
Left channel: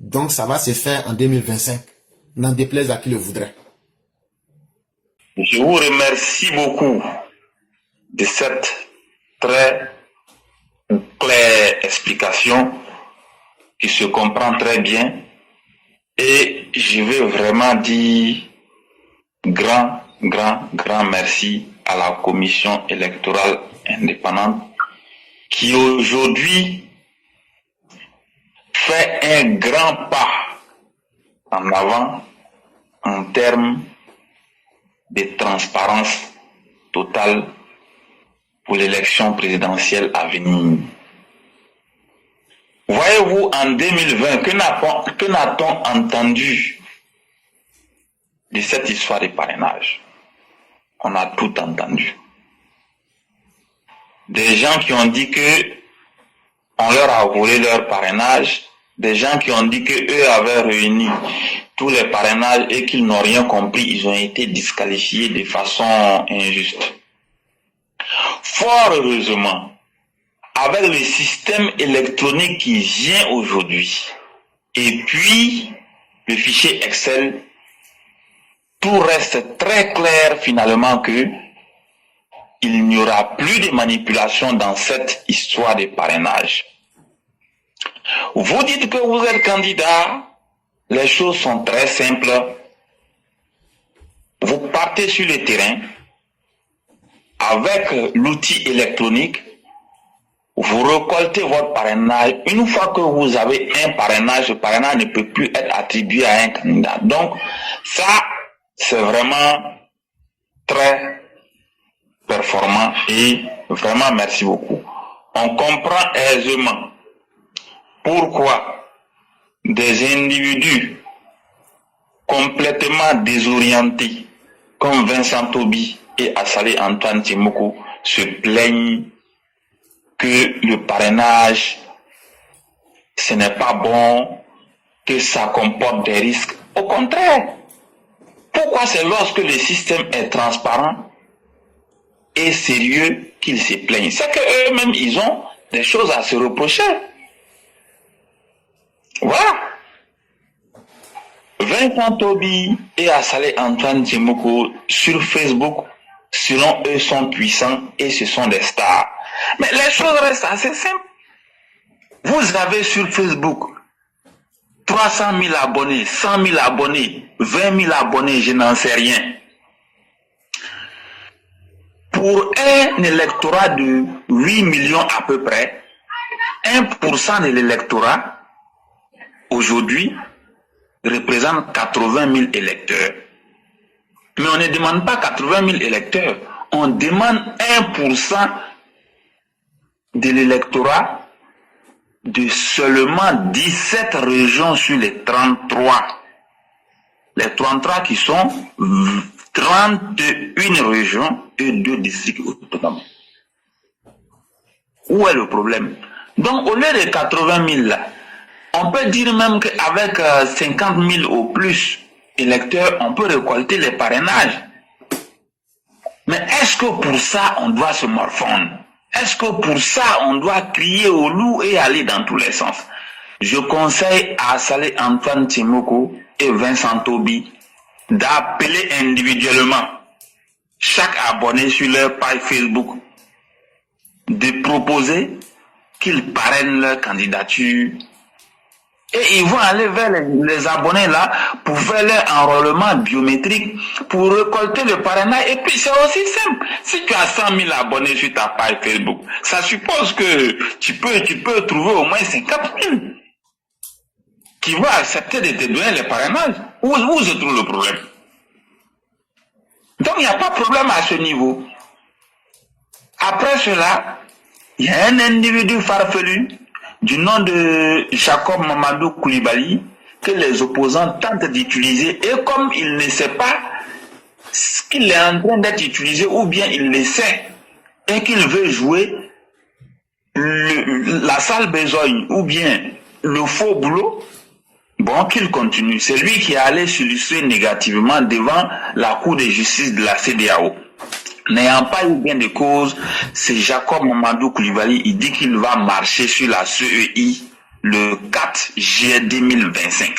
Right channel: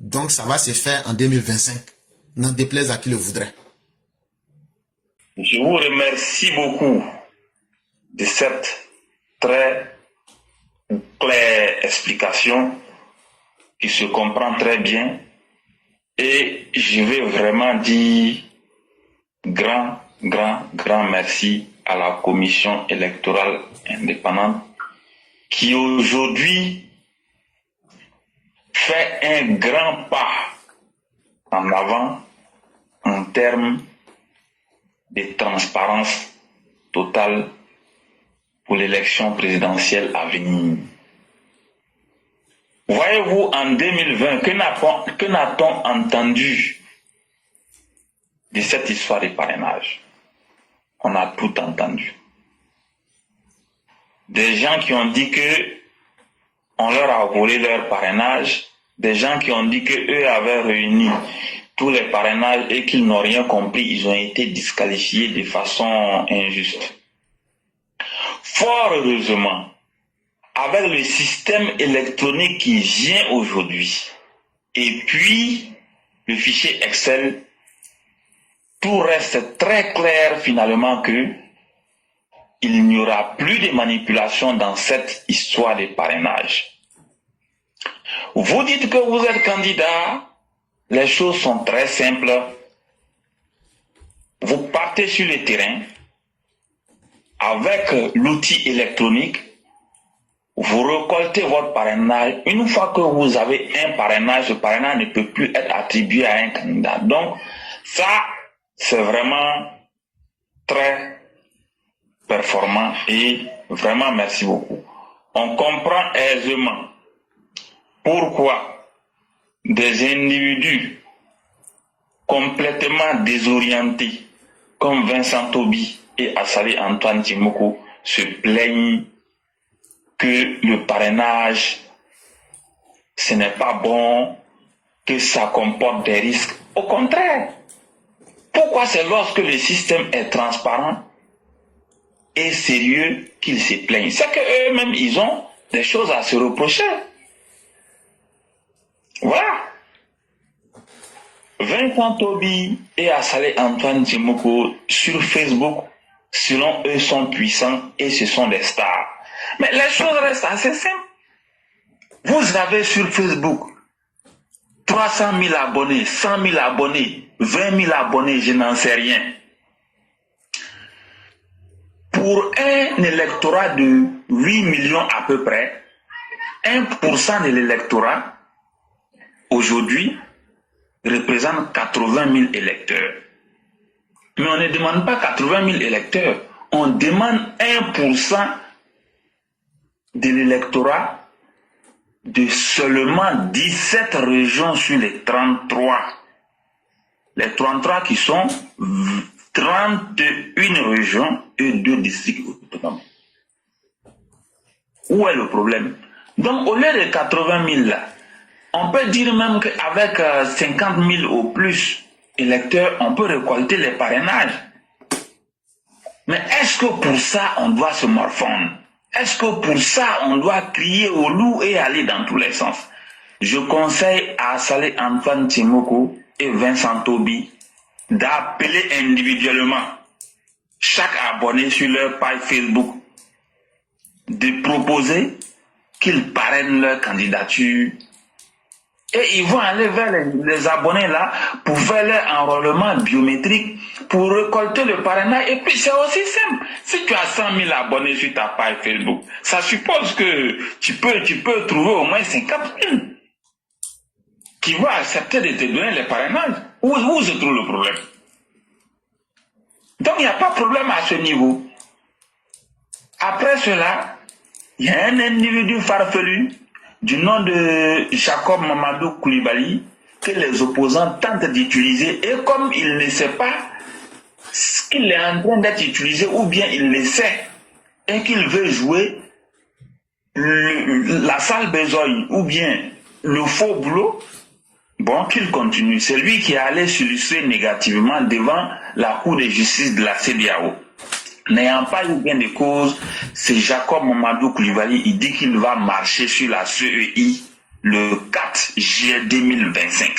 Donc, ça va se faire en 2025. N'en déplaise à qui le voudrait. Je vous remercie beaucoup de cette très claire explication qui se comprend très bien, et je vais vraiment dire grand merci à la commission électorale indépendante qui aujourd'hui fait un grand pas en avant en termes de transparence totale pour l'élection présidentielle à venir. Voyez-vous, en 2020, que n'a-t-on entendu de cette histoire de parrainage. On a tout entendu. Des gens qui ont dit que on leur a volé leur parrainage, des gens qui ont dit qu'eux avaient réuni tous les parrainages et qu'ils n'ont rien compris, ils ont été disqualifiés de façon injuste. Fort heureusement, avec le système électronique qui vient aujourd'hui, et puis le fichier Excel, tout reste très clair finalement que il n'y aura plus de manipulation dans cette histoire de parrainage. Vous dites que vous êtes candidat, les choses sont très simples. Vous partez sur le terrain avec l'outil électronique, vous récoltez votre parrainage. Une fois que vous avez un parrainage, le parrainage ne peut plus être attribué à un candidat. Donc, ça, c'est vraiment très performant et vraiment merci beaucoup. On comprend aisément pourquoi des individus complètement désorientés comme Vincent Toby et Assalé Antoine Timoko se plaignent que le parrainage ce n'est pas bon, que ça comporte des risques. Au contraire, pourquoi c'est lorsque le système est transparent et sérieux qu'ils se plaignent? C'est qu'eux-mêmes, ils ont des choses à se reprocher. Voilà. Vincent Toby et Assalé Antoine Timoko sur Facebook, selon eux, sont puissants et ce sont des stars. Mais les choses restent assez simples. Vous avez sur Facebook 300 000 abonnés, 100 000 abonnés, 20 000 abonnés, je n'en sais rien. Pour un électorat de 8 millions à peu près, 1% de l'électorat, aujourd'hui, représente 80 000 électeurs. Mais on ne demande pas 80 000 électeurs, on demande 1% de l'électorat de seulement 17 régions sur les 33. Les 33 qui sont 31 régions et 2 districts autonomes. Où est le problème? Donc au lieu de 80 000 là, on peut dire même qu'avec 50 000 ou plus électeurs, on peut récolter les parrainages. Mais est-ce que pour ça, on doit se morfondre? Est-ce que pour ça, on doit crier au loup et aller dans tous les sens? Je conseille à Assalé Antoine Timoko et Vincent Toby d'appeler individuellement chaque abonné sur leur page Facebook, de proposer qu'ils parrainent leur candidature. Et ils vont aller vers les abonnés là pour faire leur enrôlement biométrique, pour récolter le parrainage. Et puis c'est aussi simple. Si tu as 100 000 abonnés sur ta page Facebook, ça suppose que tu peux trouver au moins 50 000 qui vont accepter de te donner le parrainage. Où se trouve le problème? Donc il n'y a pas de problème à ce niveau. Après cela, il y a un individu farfelu du nom de Jacob Mamadou Koulibaly que les opposants tentent d'utiliser, et comme il ne sait pas qu'il est en train d'être utilisé ou bien il le sait et qu'il veut jouer la sale besogne ou bien le faux boulot, bon, qu'il continue. C'est lui qui est allé s'illustrer négativement devant la Cour de justice de la CEDEAO. N'ayant pas eu gain de cause, c'est Jacob Mamadou Koulibaly, il dit qu'il va marcher sur la CEI le 4 juillet 2025.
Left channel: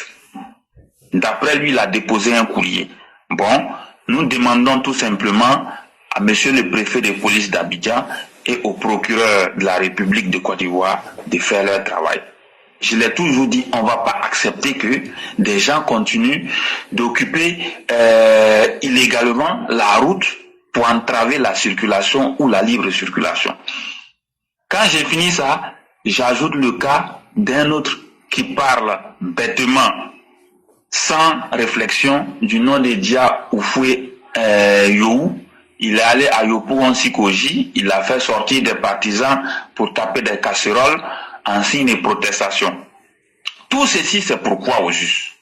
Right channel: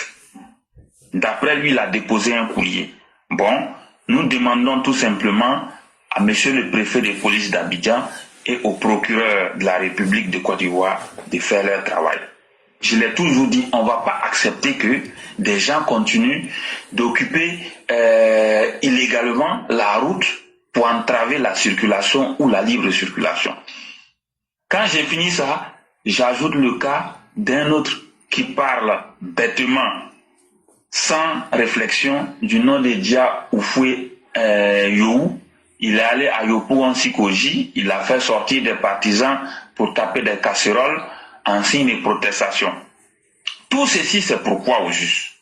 D'après lui, il a déposé un courrier. Bon, nous demandons tout simplement à monsieur le préfet de police d'Abidjan et au procureur de la République de Côte d'Ivoire de faire leur travail. Je l'ai toujours dit, on ne va pas accepter que des gens continuent d'occuper illégalement la route pour entraver la circulation ou la libre circulation. Quand j'ai fini ça, j'ajoute le cas d'un autre qui parle bêtement, sans réflexion, du nom de Dia Oufoué You. Il est allé à Yopougon-Sikoji, il a fait sortir des partisans pour taper des casseroles en signe de protestation. Tout ceci, c'est pourquoi au juste.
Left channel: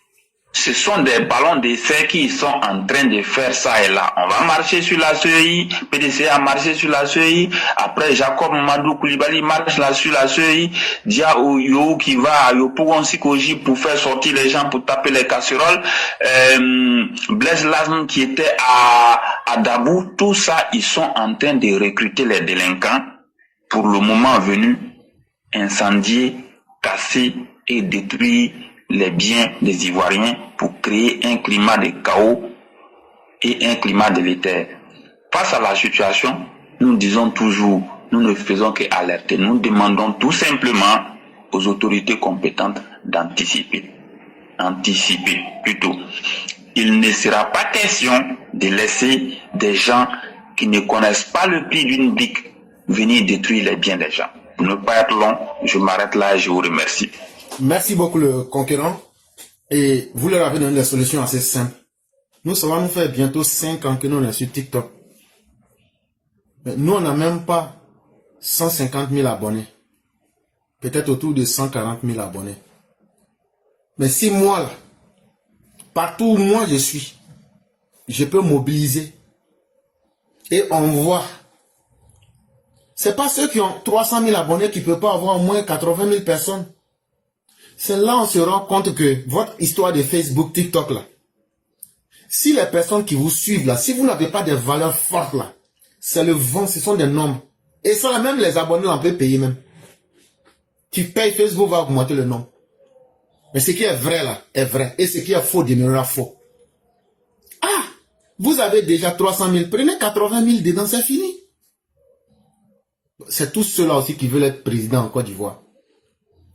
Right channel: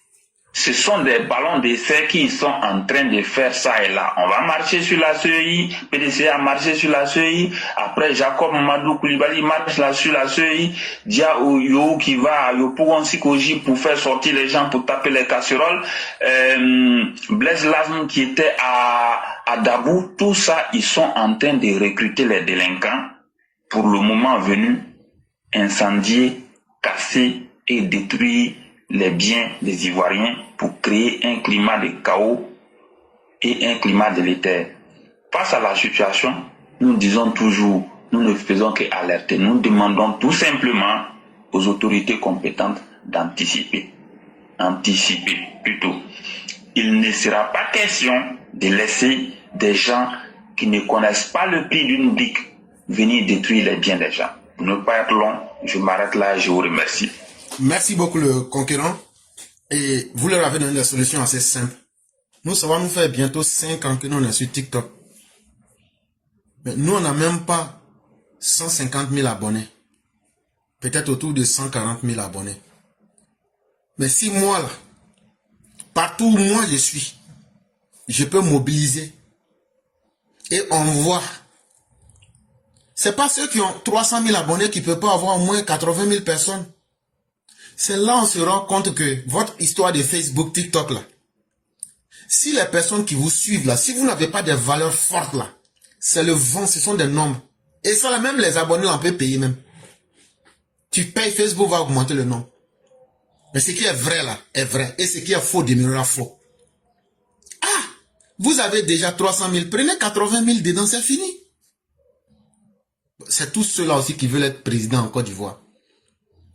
Ce sont des ballons d'essai qui sont en train de faire ça et là. On va marcher sur la CEI, PDC a marché sur la CEI, après Jacob Madou Koulibaly marche là sur la CEI, Dia Yo qui va, Yo Pougon Sikoji pour faire sortir les gens, pour taper les casseroles, Blaise Lasm qui était à Dabou, tout ça, ils sont en train de recruter les délinquants pour le moment venu, incendier, casser et détruire les biens des Ivoiriens pour créer un climat de chaos et un climat délétère. Face à la situation, nous disons toujours, nous ne faisons qu'alerter. Nous demandons tout simplement aux autorités compétentes d'anticiper. Anticiper plutôt. Il ne sera pas question de laisser des gens qui ne connaissent pas le prix d'une brique venir détruire les biens des gens. Pour ne pas être long, je m'arrête là et je vous remercie. Merci beaucoup le conquérant. Et vous leur avez donné des solutions assez simples. Nous, ça va nous faire bientôt 5 ans que nous, on est sur TikTok. Mais nous, on n'a même pas 150 000 abonnés. Peut-être autour de 140 000 abonnés. Mais si moi, là, partout où moi je suis, je peux mobiliser et on voit. C'est pas ceux qui ont 300 000 abonnés qui ne peuvent pas avoir au moins 80 000 personnes. C'est là on se rend compte que votre histoire de Facebook, TikTok là, si les personnes qui vous suivent là, si vous n'avez pas des valeurs fortes là, c'est le vent, ce sont des nombres. Et ça là, même les abonnés on peut payer même. Tu payes, Facebook va augmenter le nombre. Mais ce qui est vrai là, est vrai. Et ce qui est faux demeurera faux. Ah, vous avez déjà 300 000, prenez 80 000 dedans, c'est fini. C'est tous ceux-là aussi qui veulent être président en Côte d'Ivoire.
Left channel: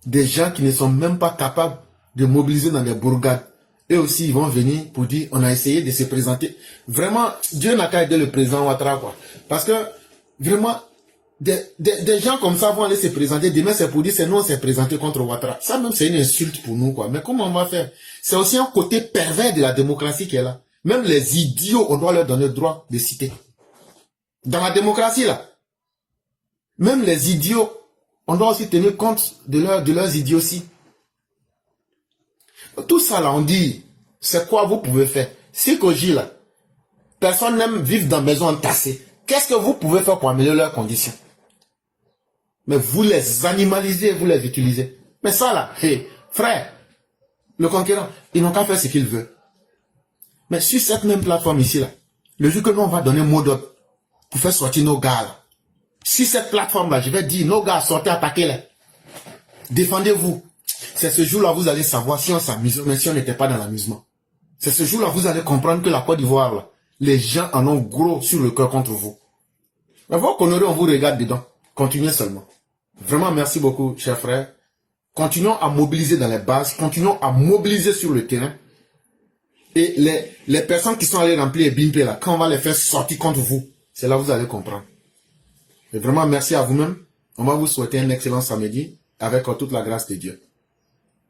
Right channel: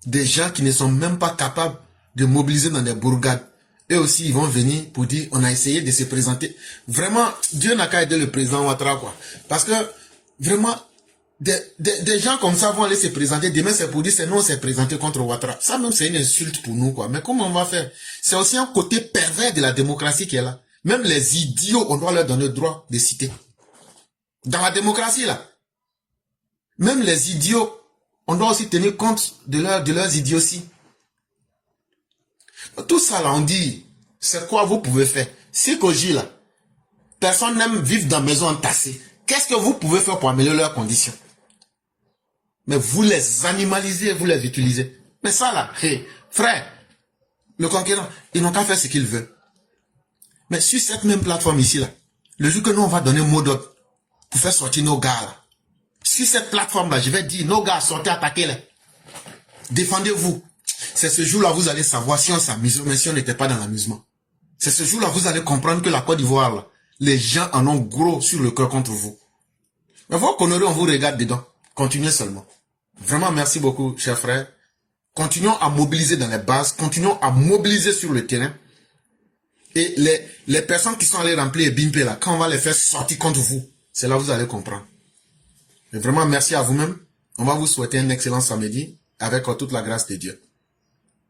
Des gens qui ne sont même pas capables de mobiliser dans des bourgades. Eux aussi, ils vont venir pour dire, on a essayé de se présenter. Vraiment, Dieu n'a qu'à aider le président Ouattara, quoi. Parce que, vraiment, des gens comme ça vont aller se présenter. Demain, c'est pour dire, c'est nous, on s'est présenté contre Ouattara. Ça même, c'est une insulte pour nous, quoi. Mais comment on va faire? C'est aussi un côté pervers de la démocratie qui est là. Même les idiots, on doit leur donner le droit de citer. Dans la démocratie, là. Même les idiots, on doit aussi tenir compte de leurs idioties. Tout ça là, on dit, c'est quoi vous pouvez faire? Si Koji là, personne n'aime vivre dans maison entassée, qu'est-ce que vous pouvez faire pour améliorer leurs conditions? Mais vous les animalisez, vous les utilisez. Mais ça là, hey, frère, le conquérant, ils n'ont qu'à faire ce qu'ils veulent. Mais sur cette même plateforme ici là, le jour que nous on va donner un mot d'ordre pour faire sortir nos gars là, sur cette plateforme-là, je vais dire, nos gars, sortez, attaquez-les. Défendez-vous. C'est ce jour-là, vous allez savoir si on s'amuse, mais si on n'était pas dans l'amusement. C'est ce jour-là, vous allez comprendre que la Côte d'Ivoire, là, les gens en ont gros sur le cœur contre vous. Mais vos conneries, on vous regarde dedans. Continuez seulement. Vraiment, merci beaucoup, chers frères. Continuons à mobiliser dans les bases, continuons à mobiliser sur le terrain. Et les personnes qui sont allées remplir les BIMP, là, quand on va les faire sortir contre vous, c'est là que vous allez comprendre. Et vraiment, merci à vous-même. On va vous souhaiter un excellent samedi avec toute la grâce de Dieu.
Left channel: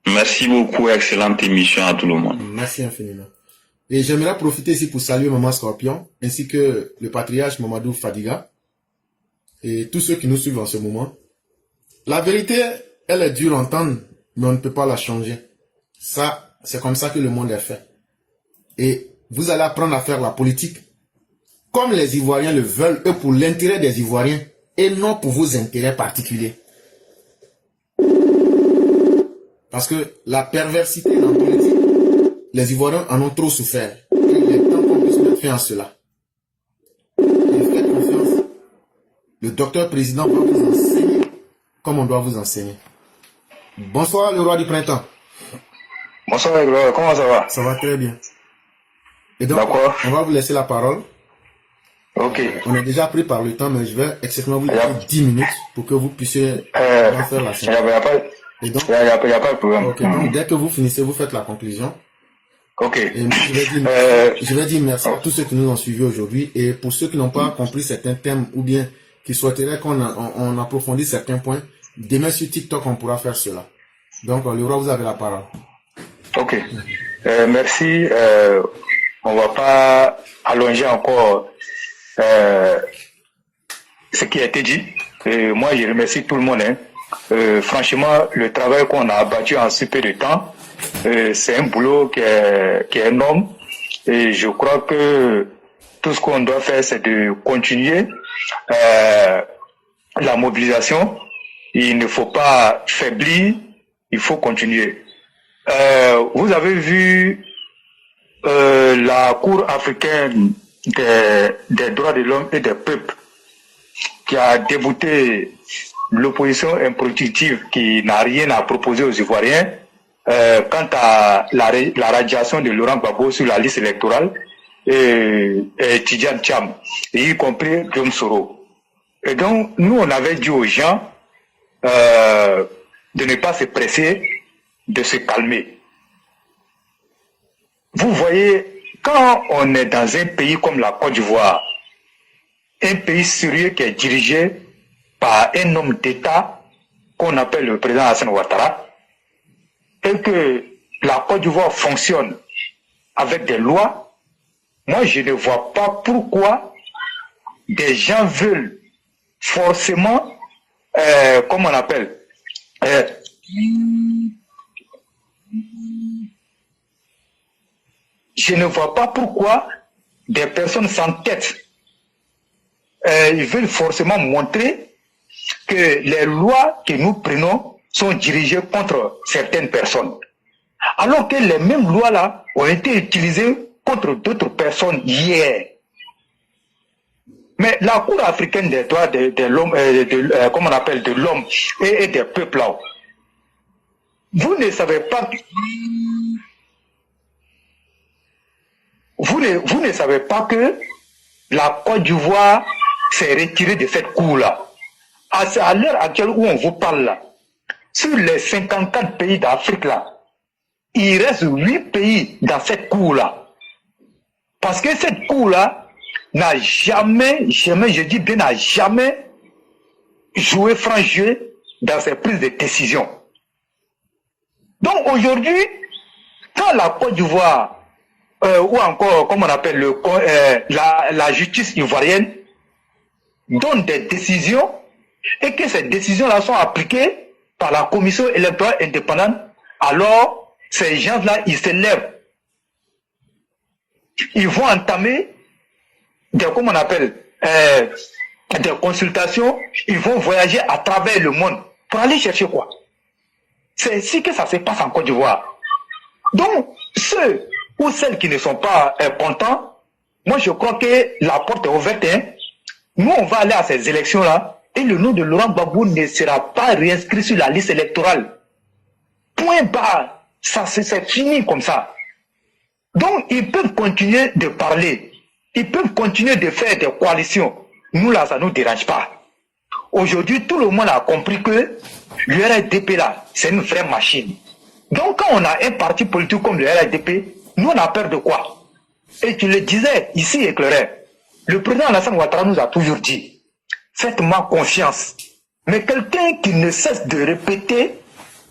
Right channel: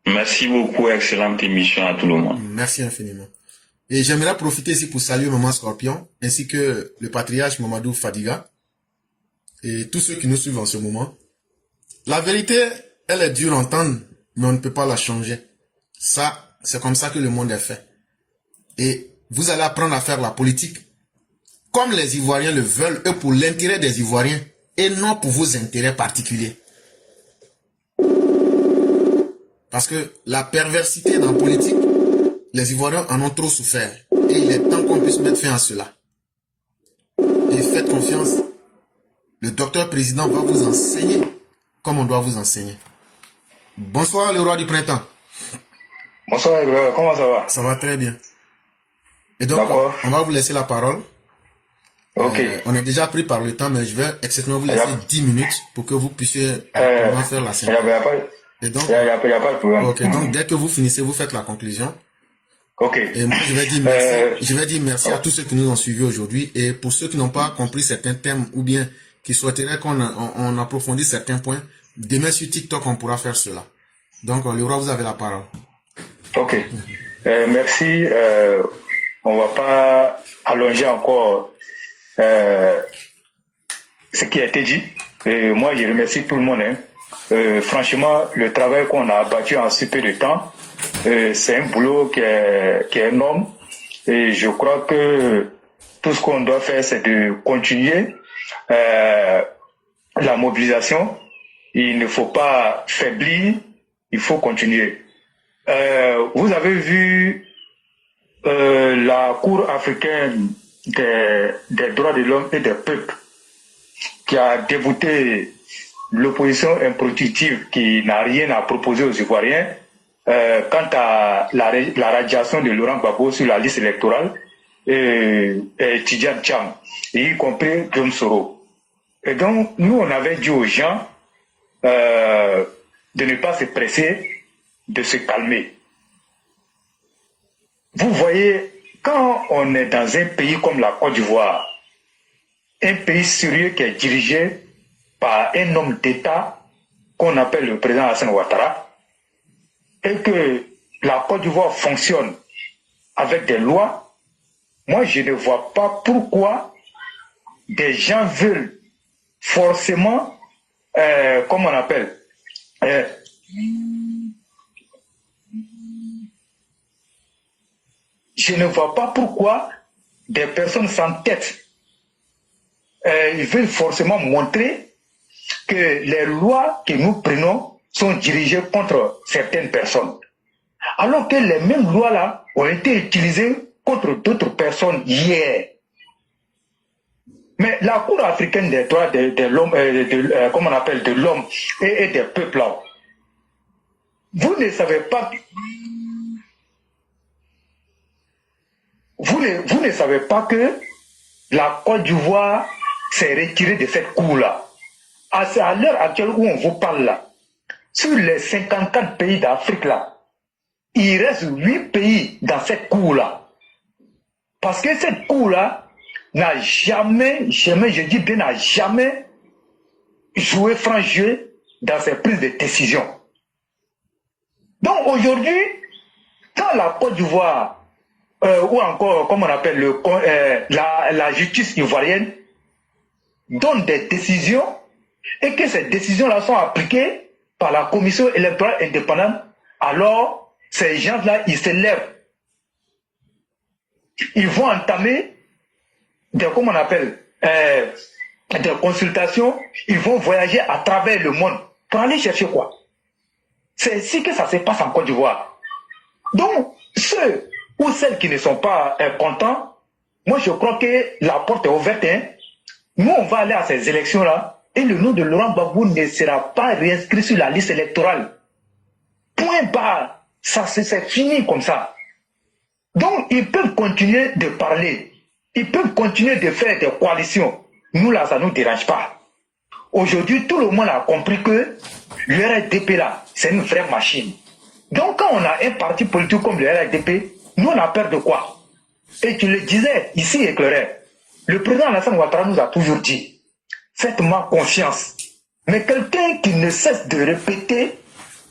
Merci beaucoup, excellente émission à tout le monde. Merci infiniment. Et j'aimerais profiter ici pour saluer Maman Scorpion, ainsi que le patriarche Mamadou Fadiga, et tous ceux qui nous suivent en ce moment. La vérité, elle est dure à entendre, mais on ne peut pas la changer. Ça, c'est comme ça que le monde est fait. Et vous allez apprendre à faire la politique comme les Ivoiriens le veulent, eux, pour l'intérêt des Ivoiriens, et non pour vos intérêts particuliers. Parce que la perversité dans la politique, les Ivoiriens en ont trop souffert. Et il est temps qu'on puisse mettre fin à cela. Et faites confiance. Le docteur président va vous enseigner comme on doit vous enseigner. Bonsoir, le roi du printemps. Bonsoir, Ibrahim. Comment ça va? Ça va très bien. Et donc, on va vous laisser la parole. Ok. On est déjà pris par le temps, mais je vais exceptionnellement vous laisser 10 minutes pour que vous puissiez faire la scène. Il n'y a pas de problème. Ok, donc dès que vous finissez, vous faites la conclusion. Ok. Et moi, je vais dire merci à tous ceux qui nous ont suivis aujourd'hui. Et pour ceux qui n'ont pas compris certains thèmes ou bien qui souhaiteraient qu'on approfondisse certains points, demain sur TikTok, on pourra faire cela. Donc, le roi, vous avez la parole. Ok. Merci. On ne va pas allonger encore ce qui a été dit. Et moi, je remercie tout le monde. Hein. Franchement, le travail qu'on a abattu en si peu de temps, c'est un boulot qui est énorme. Et je crois que tout ce qu'on doit faire, c'est de continuer la mobilisation. Il ne faut pas faiblir, il faut continuer. Vous avez vu la Cour africaine des droits de l'homme et des peuples qui a débouté l'opposition improductive qui n'a rien à proposer aux Ivoiriens quant à la radiation de Laurent Gbagbo sur la liste électorale et Tidjane Thiam, y compris Guillaume Soro. Et donc, nous, on avait dit aux gens de ne pas se presser, de se calmer. Vous voyez, quand on est dans un pays comme la Côte d'Ivoire, un pays sérieux qui est dirigé par un homme d'État qu'on appelle le président Alassane Ouattara, et que la Côte d'Ivoire fonctionne avec des lois, moi je ne vois pas pourquoi des gens veulent forcément, comment on appelle, je ne vois pas pourquoi des personnes sans tête ils veulent forcément montrer que les lois que nous prenons sont dirigées contre certaines personnes. Alors que les mêmes lois-là ont été utilisées contre d'autres personnes hier. Mais la Cour africaine des droits de l'homme, comment on appelle, de l'homme et des peuples là, vous ne savez pas... Vous ne savez pas que la Côte d'Ivoire s'est retirée de cette cour-là. À l'heure actuelle où on vous parle là, sur les 54 pays d'Afrique là, il reste 8 pays dans cette cour-là. Parce que cette cour-là n'a jamais, je dis bien, n'a jamais joué franc jeu dans ses prises de décision. Donc aujourd'hui, quand la Côte d'Ivoire ou encore, comme on appelle la justice ivoirienne, donne des décisions et que ces décisions-là sont appliquées par la commission électorale indépendante, alors ces gens-là, ils se lèvent. Ils vont entamer comment on appelle, des consultations, ils vont voyager à travers le monde pour aller chercher quoi? C'est ainsi que ça se passe en Côte d'Ivoire. Donc, ceux ou celles qui ne sont pas contents, moi je crois que la porte est ouverte. Hein. Nous, on va aller à ces élections-là et le nom de Laurent Gbagbo ne sera pas réinscrit sur la liste électorale. Point barre. Ça, c'est fini comme ça. Donc, ils peuvent continuer de parler. Ils peuvent continuer de faire des coalitions. Nous, là, ça ne nous dérange pas. Aujourd'hui, tout le monde a compris que l'URDP, là, c'est une vraie machine. Donc, quand on a un parti politique comme le RDP, nous, on a peur de quoi? Et tu le disais ici, éclairé. Le président Alassane Ouattara nous a toujours dit, faites-moi confiance. Mais quelqu'un qui ne cesse de répéter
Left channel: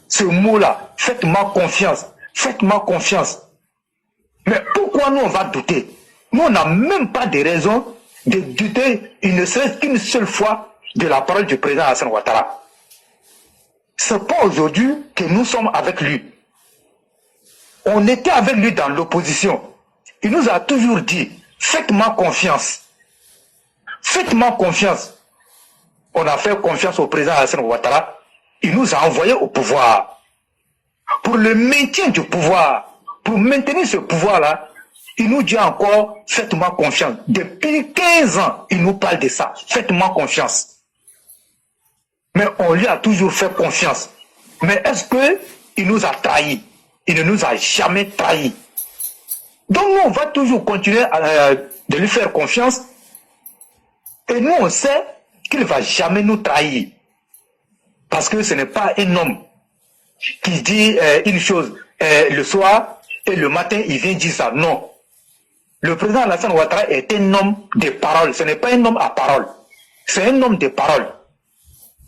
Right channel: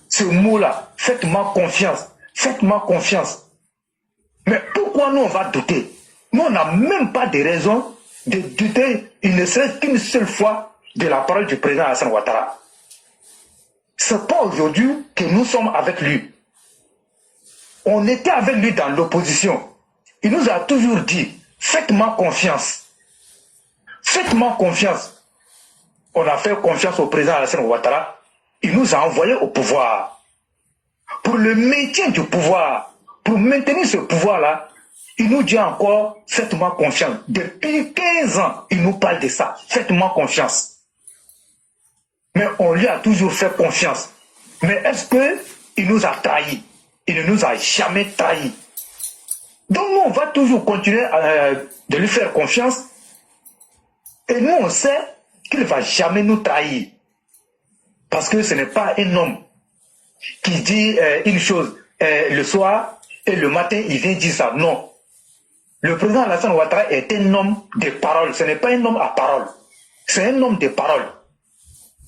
ce mot-là, faites-moi confiance, faites-moi confiance. Mais pourquoi nous, on va douter? Nous, on n'a même pas de raison de douter, il ne serait qu'une seule fois de la parole du président Alassane Ouattara. Ce n'est pas aujourd'hui que nous sommes avec lui. On était avec lui dans l'opposition. Il nous a toujours dit, faites-moi confiance. Faites-moi confiance. On a fait confiance au président Alassane Ouattara. Il nous a envoyés au pouvoir. Pour le maintien du pouvoir, pour maintenir ce pouvoir-là, il nous dit encore, faites-moi confiance. Depuis 15 ans, il nous parle de ça. Faites-moi confiance. Mais on lui a toujours fait confiance. Mais est-ce qu'il nous a trahis? Il ne nous a jamais trahis. Donc nous, on va toujours continuer de lui faire confiance. Et nous, on sait qu'il ne va jamais nous trahir. Parce que ce n'est pas un homme qui dit une chose le soir et le matin, il vient dire ça. Non. Le président Alassane Ouattara est un homme de parole. Ce n'est pas un homme à parole. C'est un homme de parole.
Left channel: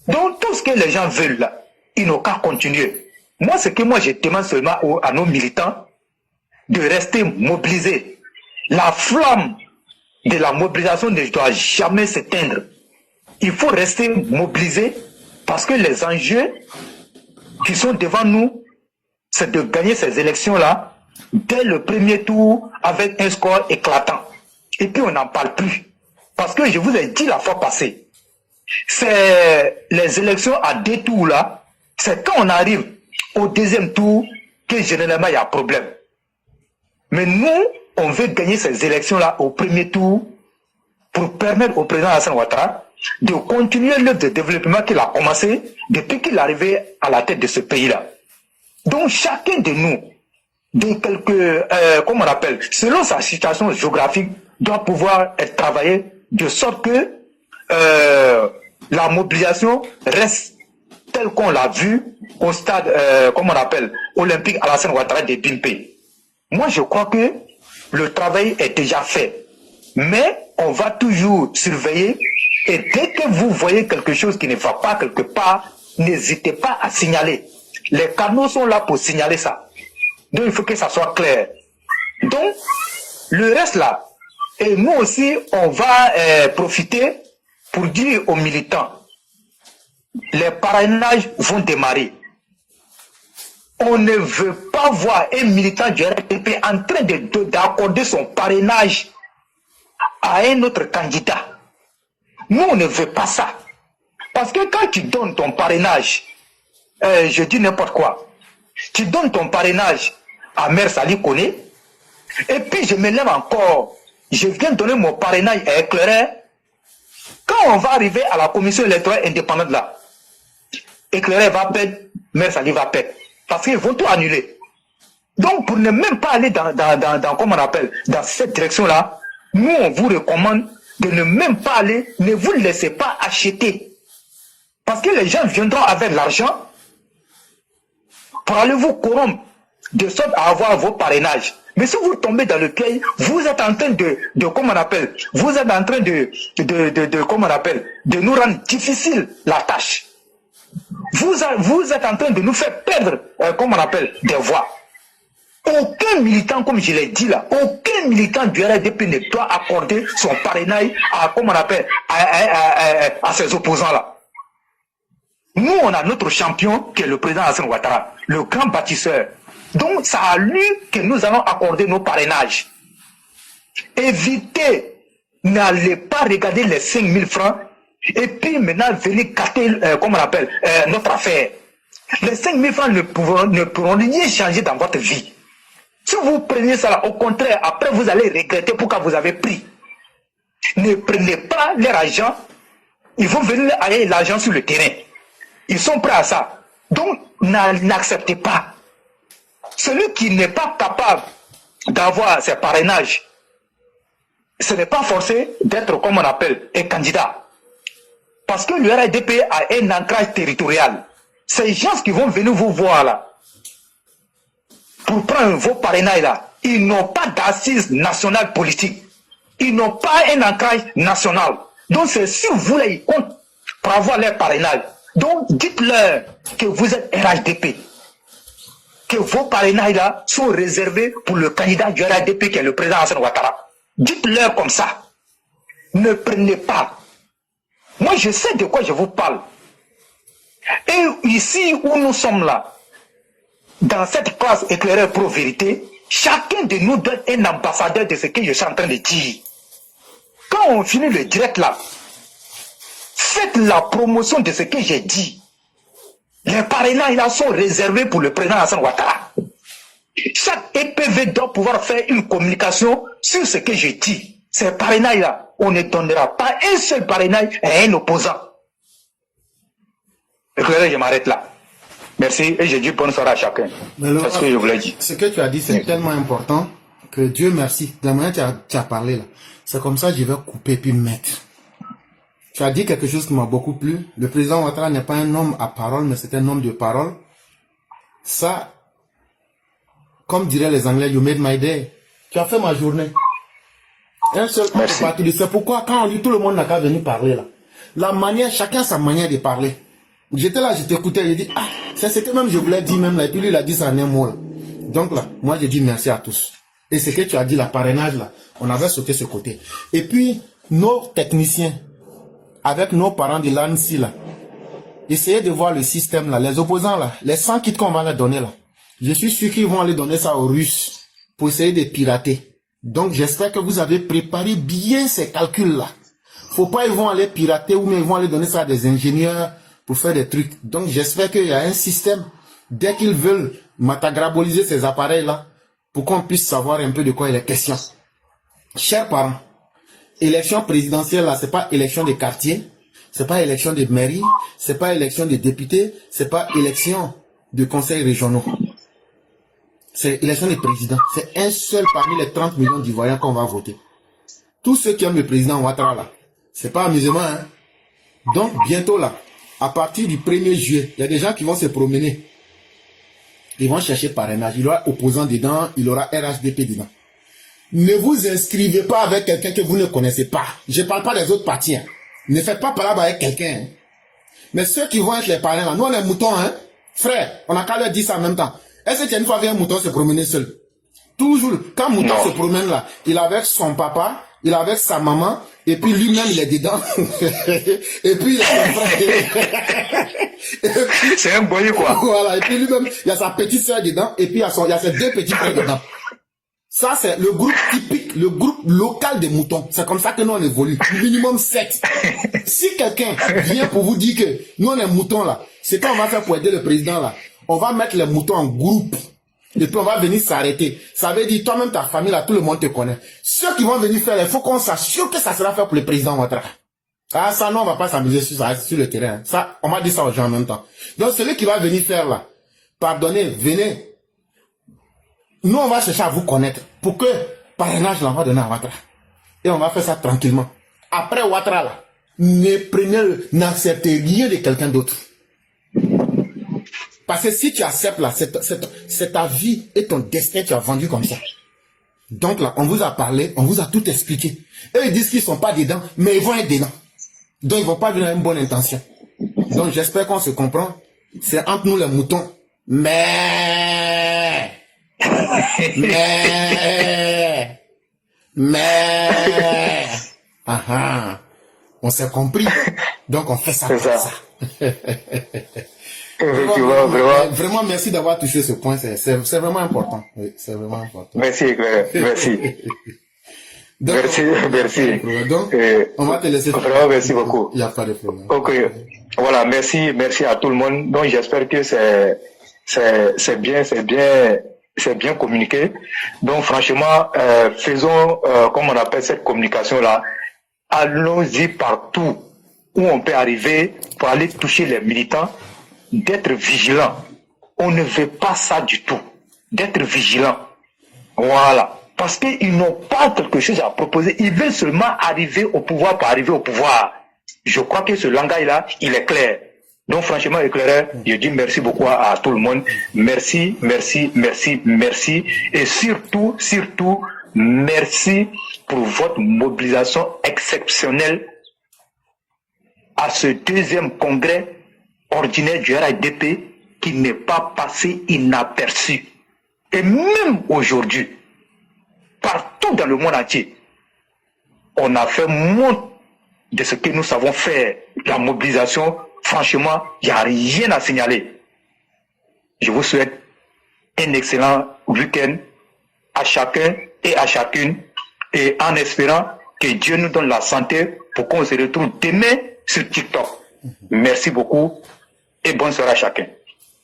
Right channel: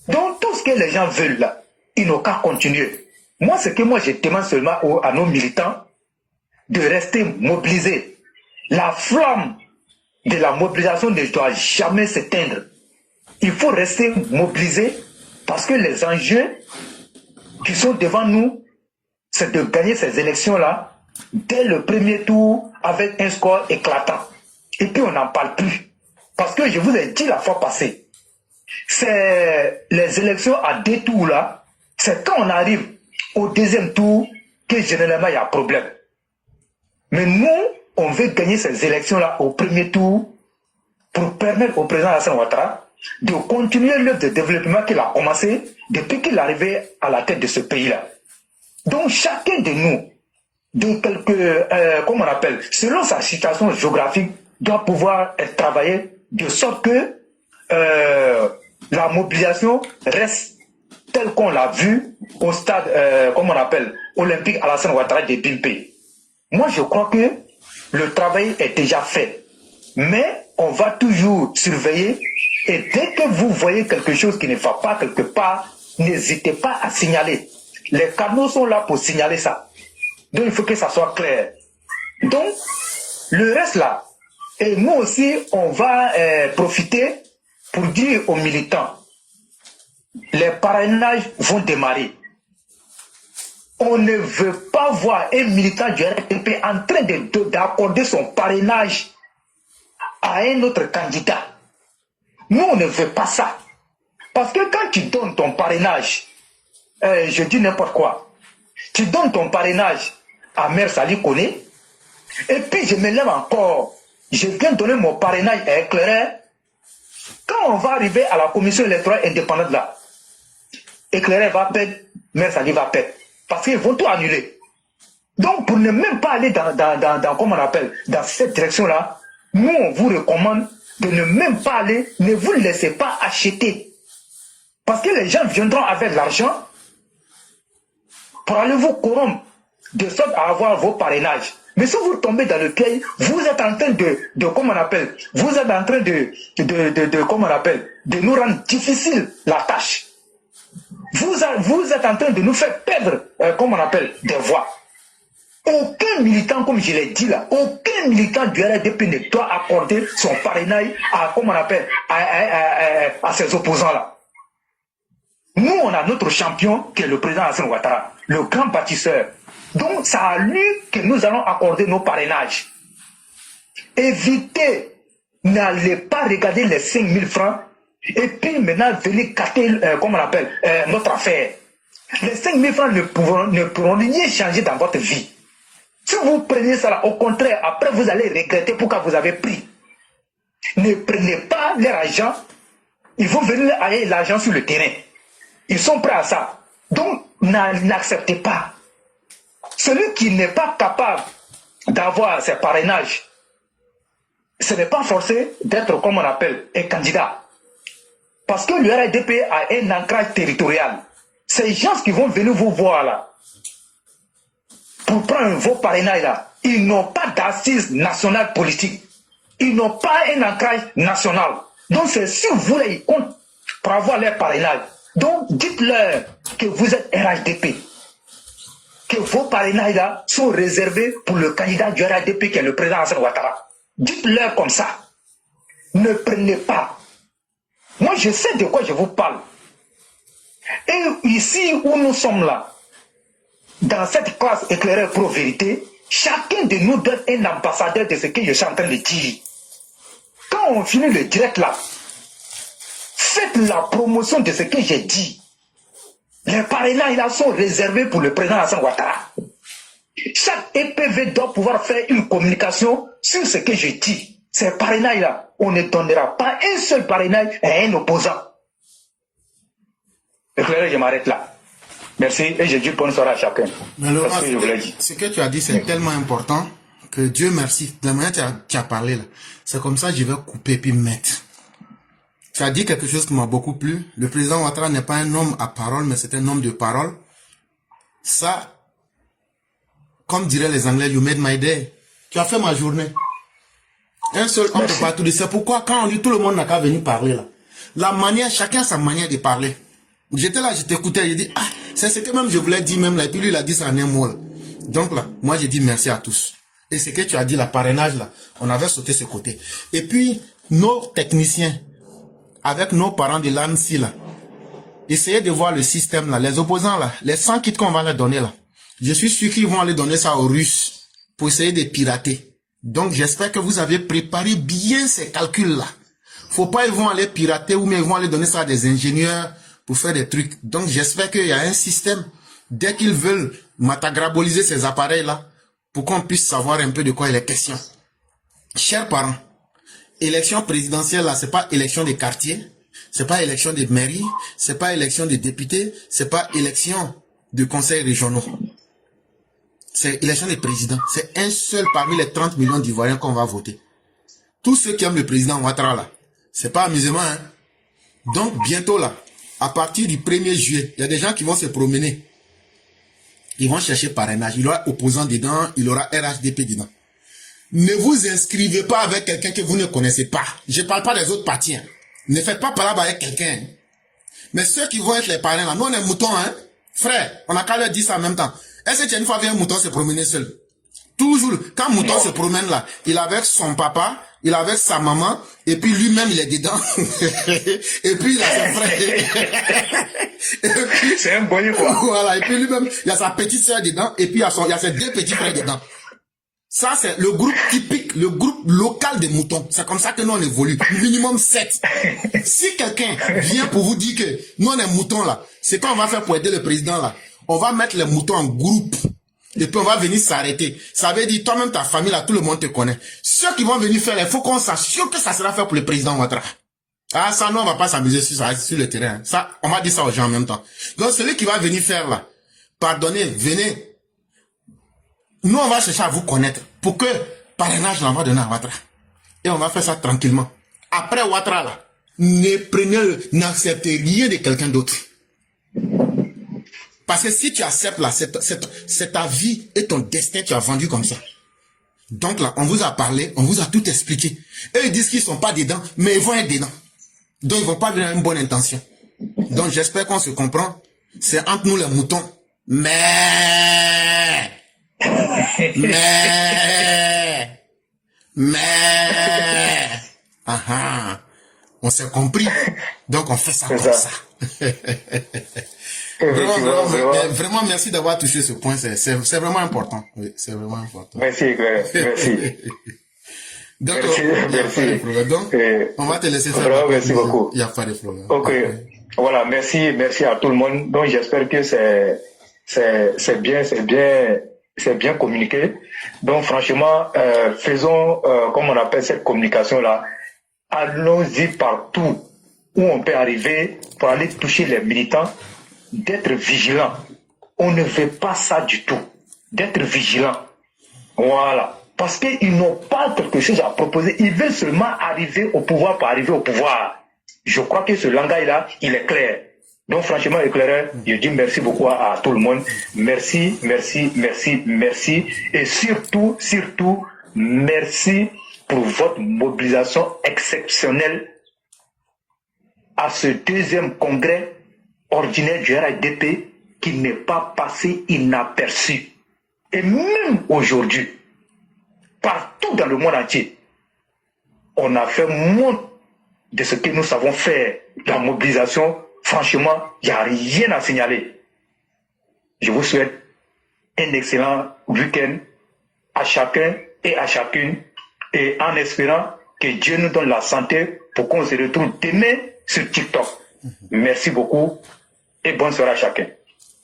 Donc tout ce que les gens veulent là, ils n'ont qu'à continuer. Moi, ce que je demande seulement à nos militants, de rester mobilisés. La flamme de la mobilisation ne doit jamais s'éteindre. Il faut rester mobilisé Parce que les enjeux qui sont devant nous, c'est de gagner ces élections-là dès le premier tour avec un score éclatant. Et puis on n'en parle plus. Parce que je vous ai dit la fois passée, c'est les élections à 2 tours là, c'est quand on arrive au 2e tour que généralement il y a problème. Mais nous, on veut gagner ces élections-là au premier tour pour permettre au président Alassane Ouattara de continuer l'œuvre de développement qu'il a commencé depuis qu'il est arrivé à la tête de ce pays-là. Donc chacun de nous, de comment on appelle, selon sa situation géographique, doit pouvoir être travaillé de sorte que la mobilisation reste telle qu'on l'a vu au stade, comment on appelle, olympique Alassane Ouattara de Bimpé. Moi, je crois que le travail est déjà fait. Mais on va toujours surveiller. Et dès que vous voyez quelque chose qui ne va pas quelque part, n'hésitez pas à signaler. Les canaux sont là pour signaler ça. Donc, il faut que ça soit clair. Donc, le reste là, et nous aussi, on va profiter pour dire aux militants, les parrainages vont démarrer. On ne veut pas voir un militant du RDP en train d'accorder son parrainage à un autre candidat. Nous, on ne veut pas ça. Parce que quand tu donnes ton parrainage, je dis n'importe quoi, tu donnes ton parrainage à Mère Sali Koné, et puis je me lève encore, je viens donner mon parrainage à Éclaireur. Quand on va arriver à la commission électorale indépendante là, Éclaireur va perdre, Mère Sali va perdre. Parce qu'ils vont tout annuler. Donc, pour ne même pas aller dans comment on appelle, dans cette direction-là, nous, on vous recommande de ne même pas aller, ne vous laissez pas acheter. Parce que les gens viendront avec l'argent pour aller vous corrompre, de sorte à avoir vos parrainages. Mais si vous tombez dans le piège, vous êtes en train de comment on appelle, vous êtes en train comment on appelle, de nous rendre difficile la tâche. Vous êtes en train de nous faire perdre, comment on appelle, des voix. Aucun militant, comme je l'ai dit là, aucun militant du RDP ne doit accorder son parrainage à, comment on appelle, à ses opposants là. Nous, on a notre champion qui est le président Alassane Ouattara, le grand bâtisseur. Donc, c'est à lui que nous allons accorder nos parrainages. Évitez, n'allez pas regarder les 5 000 francs et puis maintenant venez capter, comment on appelle, notre affaire. Les 5 000 francs ne pourront rien changer dans votre vie. Si vous prenez ça, au contraire, après vous allez regretter pourquoi vous avez pris. Ne prenez pas leur argent. Ils vont venir aller l'argent sur le terrain. Ils sont prêts à ça. Donc, n'acceptez pas. Celui qui n'est pas capable d'avoir ses parrainages, ce n'est pas forcé d'être, comme on appelle, un candidat. Parce que le RDP a un ancrage territorial. Ces gens qui vont venir vous voir là, pour prendre vos parrainages là, ils n'ont pas d'assises nationales politiques. Ils n'ont pas un ancrage national. Donc c'est si vous là, ils comptent pour avoir leur parrainage. Donc dites-leur que vous êtes RHDP. Que vos parrainages là sont réservés pour le candidat du RHDP qui est le président Alassane Ouattara. Dites-leur comme ça. Ne prenez pas. Moi je sais de quoi je vous parle. Et ici où nous sommes là, dans cette classe éclaireur pro-vérité, chacun de nous donne un ambassadeur de ce que je suis en train de dire. Quand on finit le direct là, faites la promotion de ce que j'ai dit. Les parrainages là sont réservés pour le président Alassane Ouattara. Chaque EPV doit pouvoir faire une communication sur ce que je dis. Ces parrainages là, on ne donnera pas un seul parrainage à un opposant. Éclaireur, je m'arrête là. Merci et je dis bonne soirée à chacun. C'est ce que je voulais dire. Ce que tu as dit, c'est tellement important que Dieu merci. Demain, tu as parlé là. C'est comme ça que je vais couper puis mettre. Tu as dit quelque chose qui m'a beaucoup plu. Le président Ouattara n'est pas un homme à parole, mais c'est un homme de parole. Ça, comme diraient les Anglais, you made my day. Tu as fait ma journée. Un seul homme de partout. C'est pourquoi quand on dit tout le monde n'a qu'à venir parler là. La manière, chacun a sa manière de parler. J'étais là, je t'écoutais, j'ai dit, ah, c'est ce que même je voulais dire même là, et puis lui il a dit ça en un mot là. Donc là, moi j'ai dit merci à tous. Et ce que tu as dit, la parrainage là, on avait sauté ce côté. Et puis, nos techniciens, avec nos parents de l'ANSI là, essayez de voir le système là, les opposants là, les 100 kits qu'on va leur donner là. Je suis sûr qu'ils vont aller donner ça aux Russes pour essayer de pirater. Donc j'espère que vous avez préparé bien ces calculs là. Faut pas ils vont aller pirater ou mais ils vont aller donner ça à des ingénieurs pour faire des trucs. Donc j'espère qu'il y a un système dès qu'ils veulent matagraboliser ces appareils là pour qu'on puisse savoir un peu de quoi il est question. Chers parents, élection présidentielle là, c'est pas élection des quartiers, c'est pas élection de mairie, c'est pas élection de députés, c'est pas élection de conseils régionaux. C'est élection des présidents. C'est un seul parmi les 30 millions d'Ivoiriens qu'on va voter. Tous ceux qui aiment le président Ouattara là, c'est pas amusement, hein. Donc bientôt là, à partir du 1er juillet, il y a des gens qui vont se promener. Ils vont chercher parrainage. Il y aura opposant dedans, il y aura RHDP dedans. Ne vous inscrivez pas avec quelqu'un que vous ne connaissez pas. Je ne parle pas des autres partis. Hein. Ne faites pas parler avec quelqu'un. Hein. Mais ceux qui vont être les parrains là, nous on est moutons, hein. Frère, on n'a qu'à leur dire ça en même temps. Est-ce que tu as une fois vu un mouton se promener seul? Toujours, quand mouton se promène là, il est avec son papa, il est avec sa maman, et puis lui-même il est dedans. Et puis il a son frère. C'est un boyer quoi. Voilà, et puis lui-même, il y a sa petite soeur dedans, et puis il y a ses deux petits frères dedans. Ça, c'est le groupe typique, le groupe local des moutons. C'est comme ça que nous, on évolue. Minimum 7. Si quelqu'un vient pour vous dire que nous, on est moutons là, c'est quoi on va faire pour aider le président là? On va mettre les moutons en groupe. Et puis on va venir s'arrêter. Ça veut dire, toi-même, ta famille là, tout le monde te connaît. Ceux qui vont venir faire, il faut qu'on s'assure que ça sera fait pour le président Ouattara. Ah, ça, non, on va pas s'amuser sur le terrain. Ça, on va dire ça aux gens en même temps. Donc, celui qui va venir faire là, pardonnez, venez. Nous, on va chercher à vous connaître pour que parrainage, on va donner à Ouattara. Et on va faire ça tranquillement. Après Ouattara, là, n'acceptez rien de quelqu'un d'autre. Parce que si tu acceptes là, c'est ta vie et ton destin, tu as vendu comme ça. Donc là, on vous a parlé, on vous a tout expliqué. Eux, ils disent qu'ils sont pas dedans, mais ils vont être dedans. Donc, ils vont pas venir avec une bonne intention. Donc, j'espère qu'on se comprend. C'est entre nous les moutons. Mais, on s'est compris. Donc, on fait ça comme ça. Vraiment, merci d'avoir touché ce point. C'est vraiment important. Oui, c'est vraiment important. Merci, merci. Donc, merci. Donc, on va te laisser faire. Merci beaucoup. Il n'y a pas de problème. Ok. Voilà, merci à tout le monde. Donc, j'espère que c'est bien communiqué. Donc, franchement, faisons, comme on appelle cette communication-là, allons-y partout où on peut arriver pour aller toucher les militants, d'être vigilant. On ne veut pas ça du tout. D'être vigilant. Voilà. Parce qu'ils n'ont pas quelque chose à proposer. Ils veulent seulement arriver au pouvoir pour arriver au pouvoir. Je crois que ce langage-là, il est clair. Donc, franchement, éclairé, je dis merci beaucoup à tout le monde. Merci. Et surtout, merci pour votre mobilisation exceptionnelle à ce deuxième congrès ordinaire du RHDP qui n'est pas passé inaperçu. Et même aujourd'hui, partout dans le monde entier, on a fait moins de ce que nous savons faire. La mobilisation, franchement, il n'y a rien à signaler. Je vous souhaite un excellent week-end à chacun et à chacune, et en espérant que Dieu nous donne la santé pour qu'on se retrouve demain sur TikTok. Merci beaucoup et bonne soirée à chacun.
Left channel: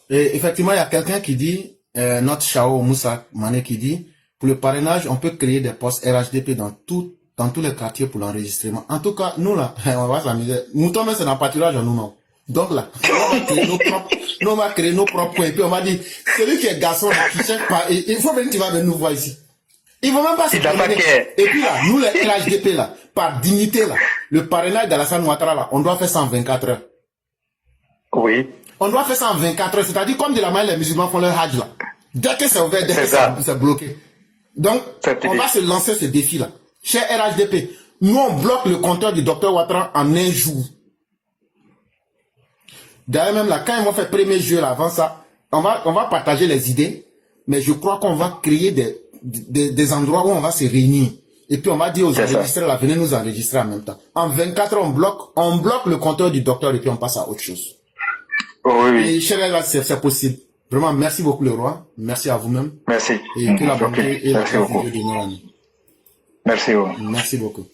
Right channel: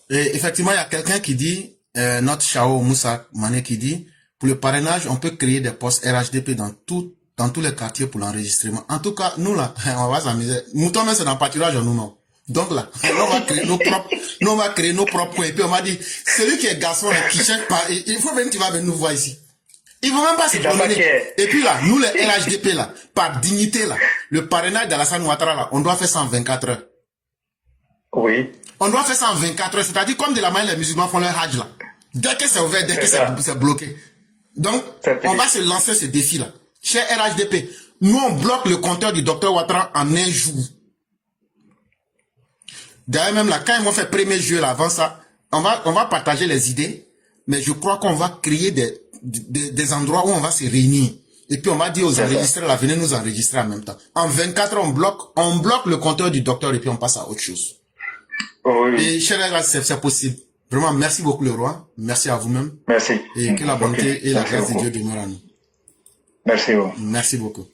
Et effectivement, il y a quelqu'un qui dit, notre Chao Moussa Mané qui dit, pour le parrainage, on peut créer des postes RHDP dans tous les quartiers pour l'enregistrement. En tout cas, nous là, on va s'amuser. Nous tombons dans le pâturage en nous-mêmes. Donc là, on va créer nos propres coins. Et puis on va dire, celui qui est garçon, là, qui cherche pas, il faut venir, tu vas venir nous voir ici. Ils vont même pas se promener. Et puis là, nous les RHDP là, par dignité là, le parrainage d'Alassane Ouattara là, on doit faire ça en 24 heures. Oui. On doit faire ça en 24 heures, c'est-à-dire comme de la manière les musulmans font leur hajj là. Dès que c'est ouvert, dès que c'est bloqué. Donc, on va se lancer ce défi là. Cher RHDP, nous on bloque le compteur du docteur Ouattara en un jour. D'ailleurs même là, quand ils vont faire 1er juillet là, avant ça, on va partager les idées, mais je crois qu'on va créer des endroits où on va se réunir. Et puis on va dire aux enregistreurs là, venez nous enregistrer en même temps. En 24 heures, on bloque le compteur du docteur et puis on passe à autre chose. Oui. Et cher, c'est possible. Vraiment, merci beaucoup le roi. Merci à vous-même. Merci. Et que la bonté et la grâce de beaucoup. Dieu demeurent à nous. Merci. Merci beaucoup.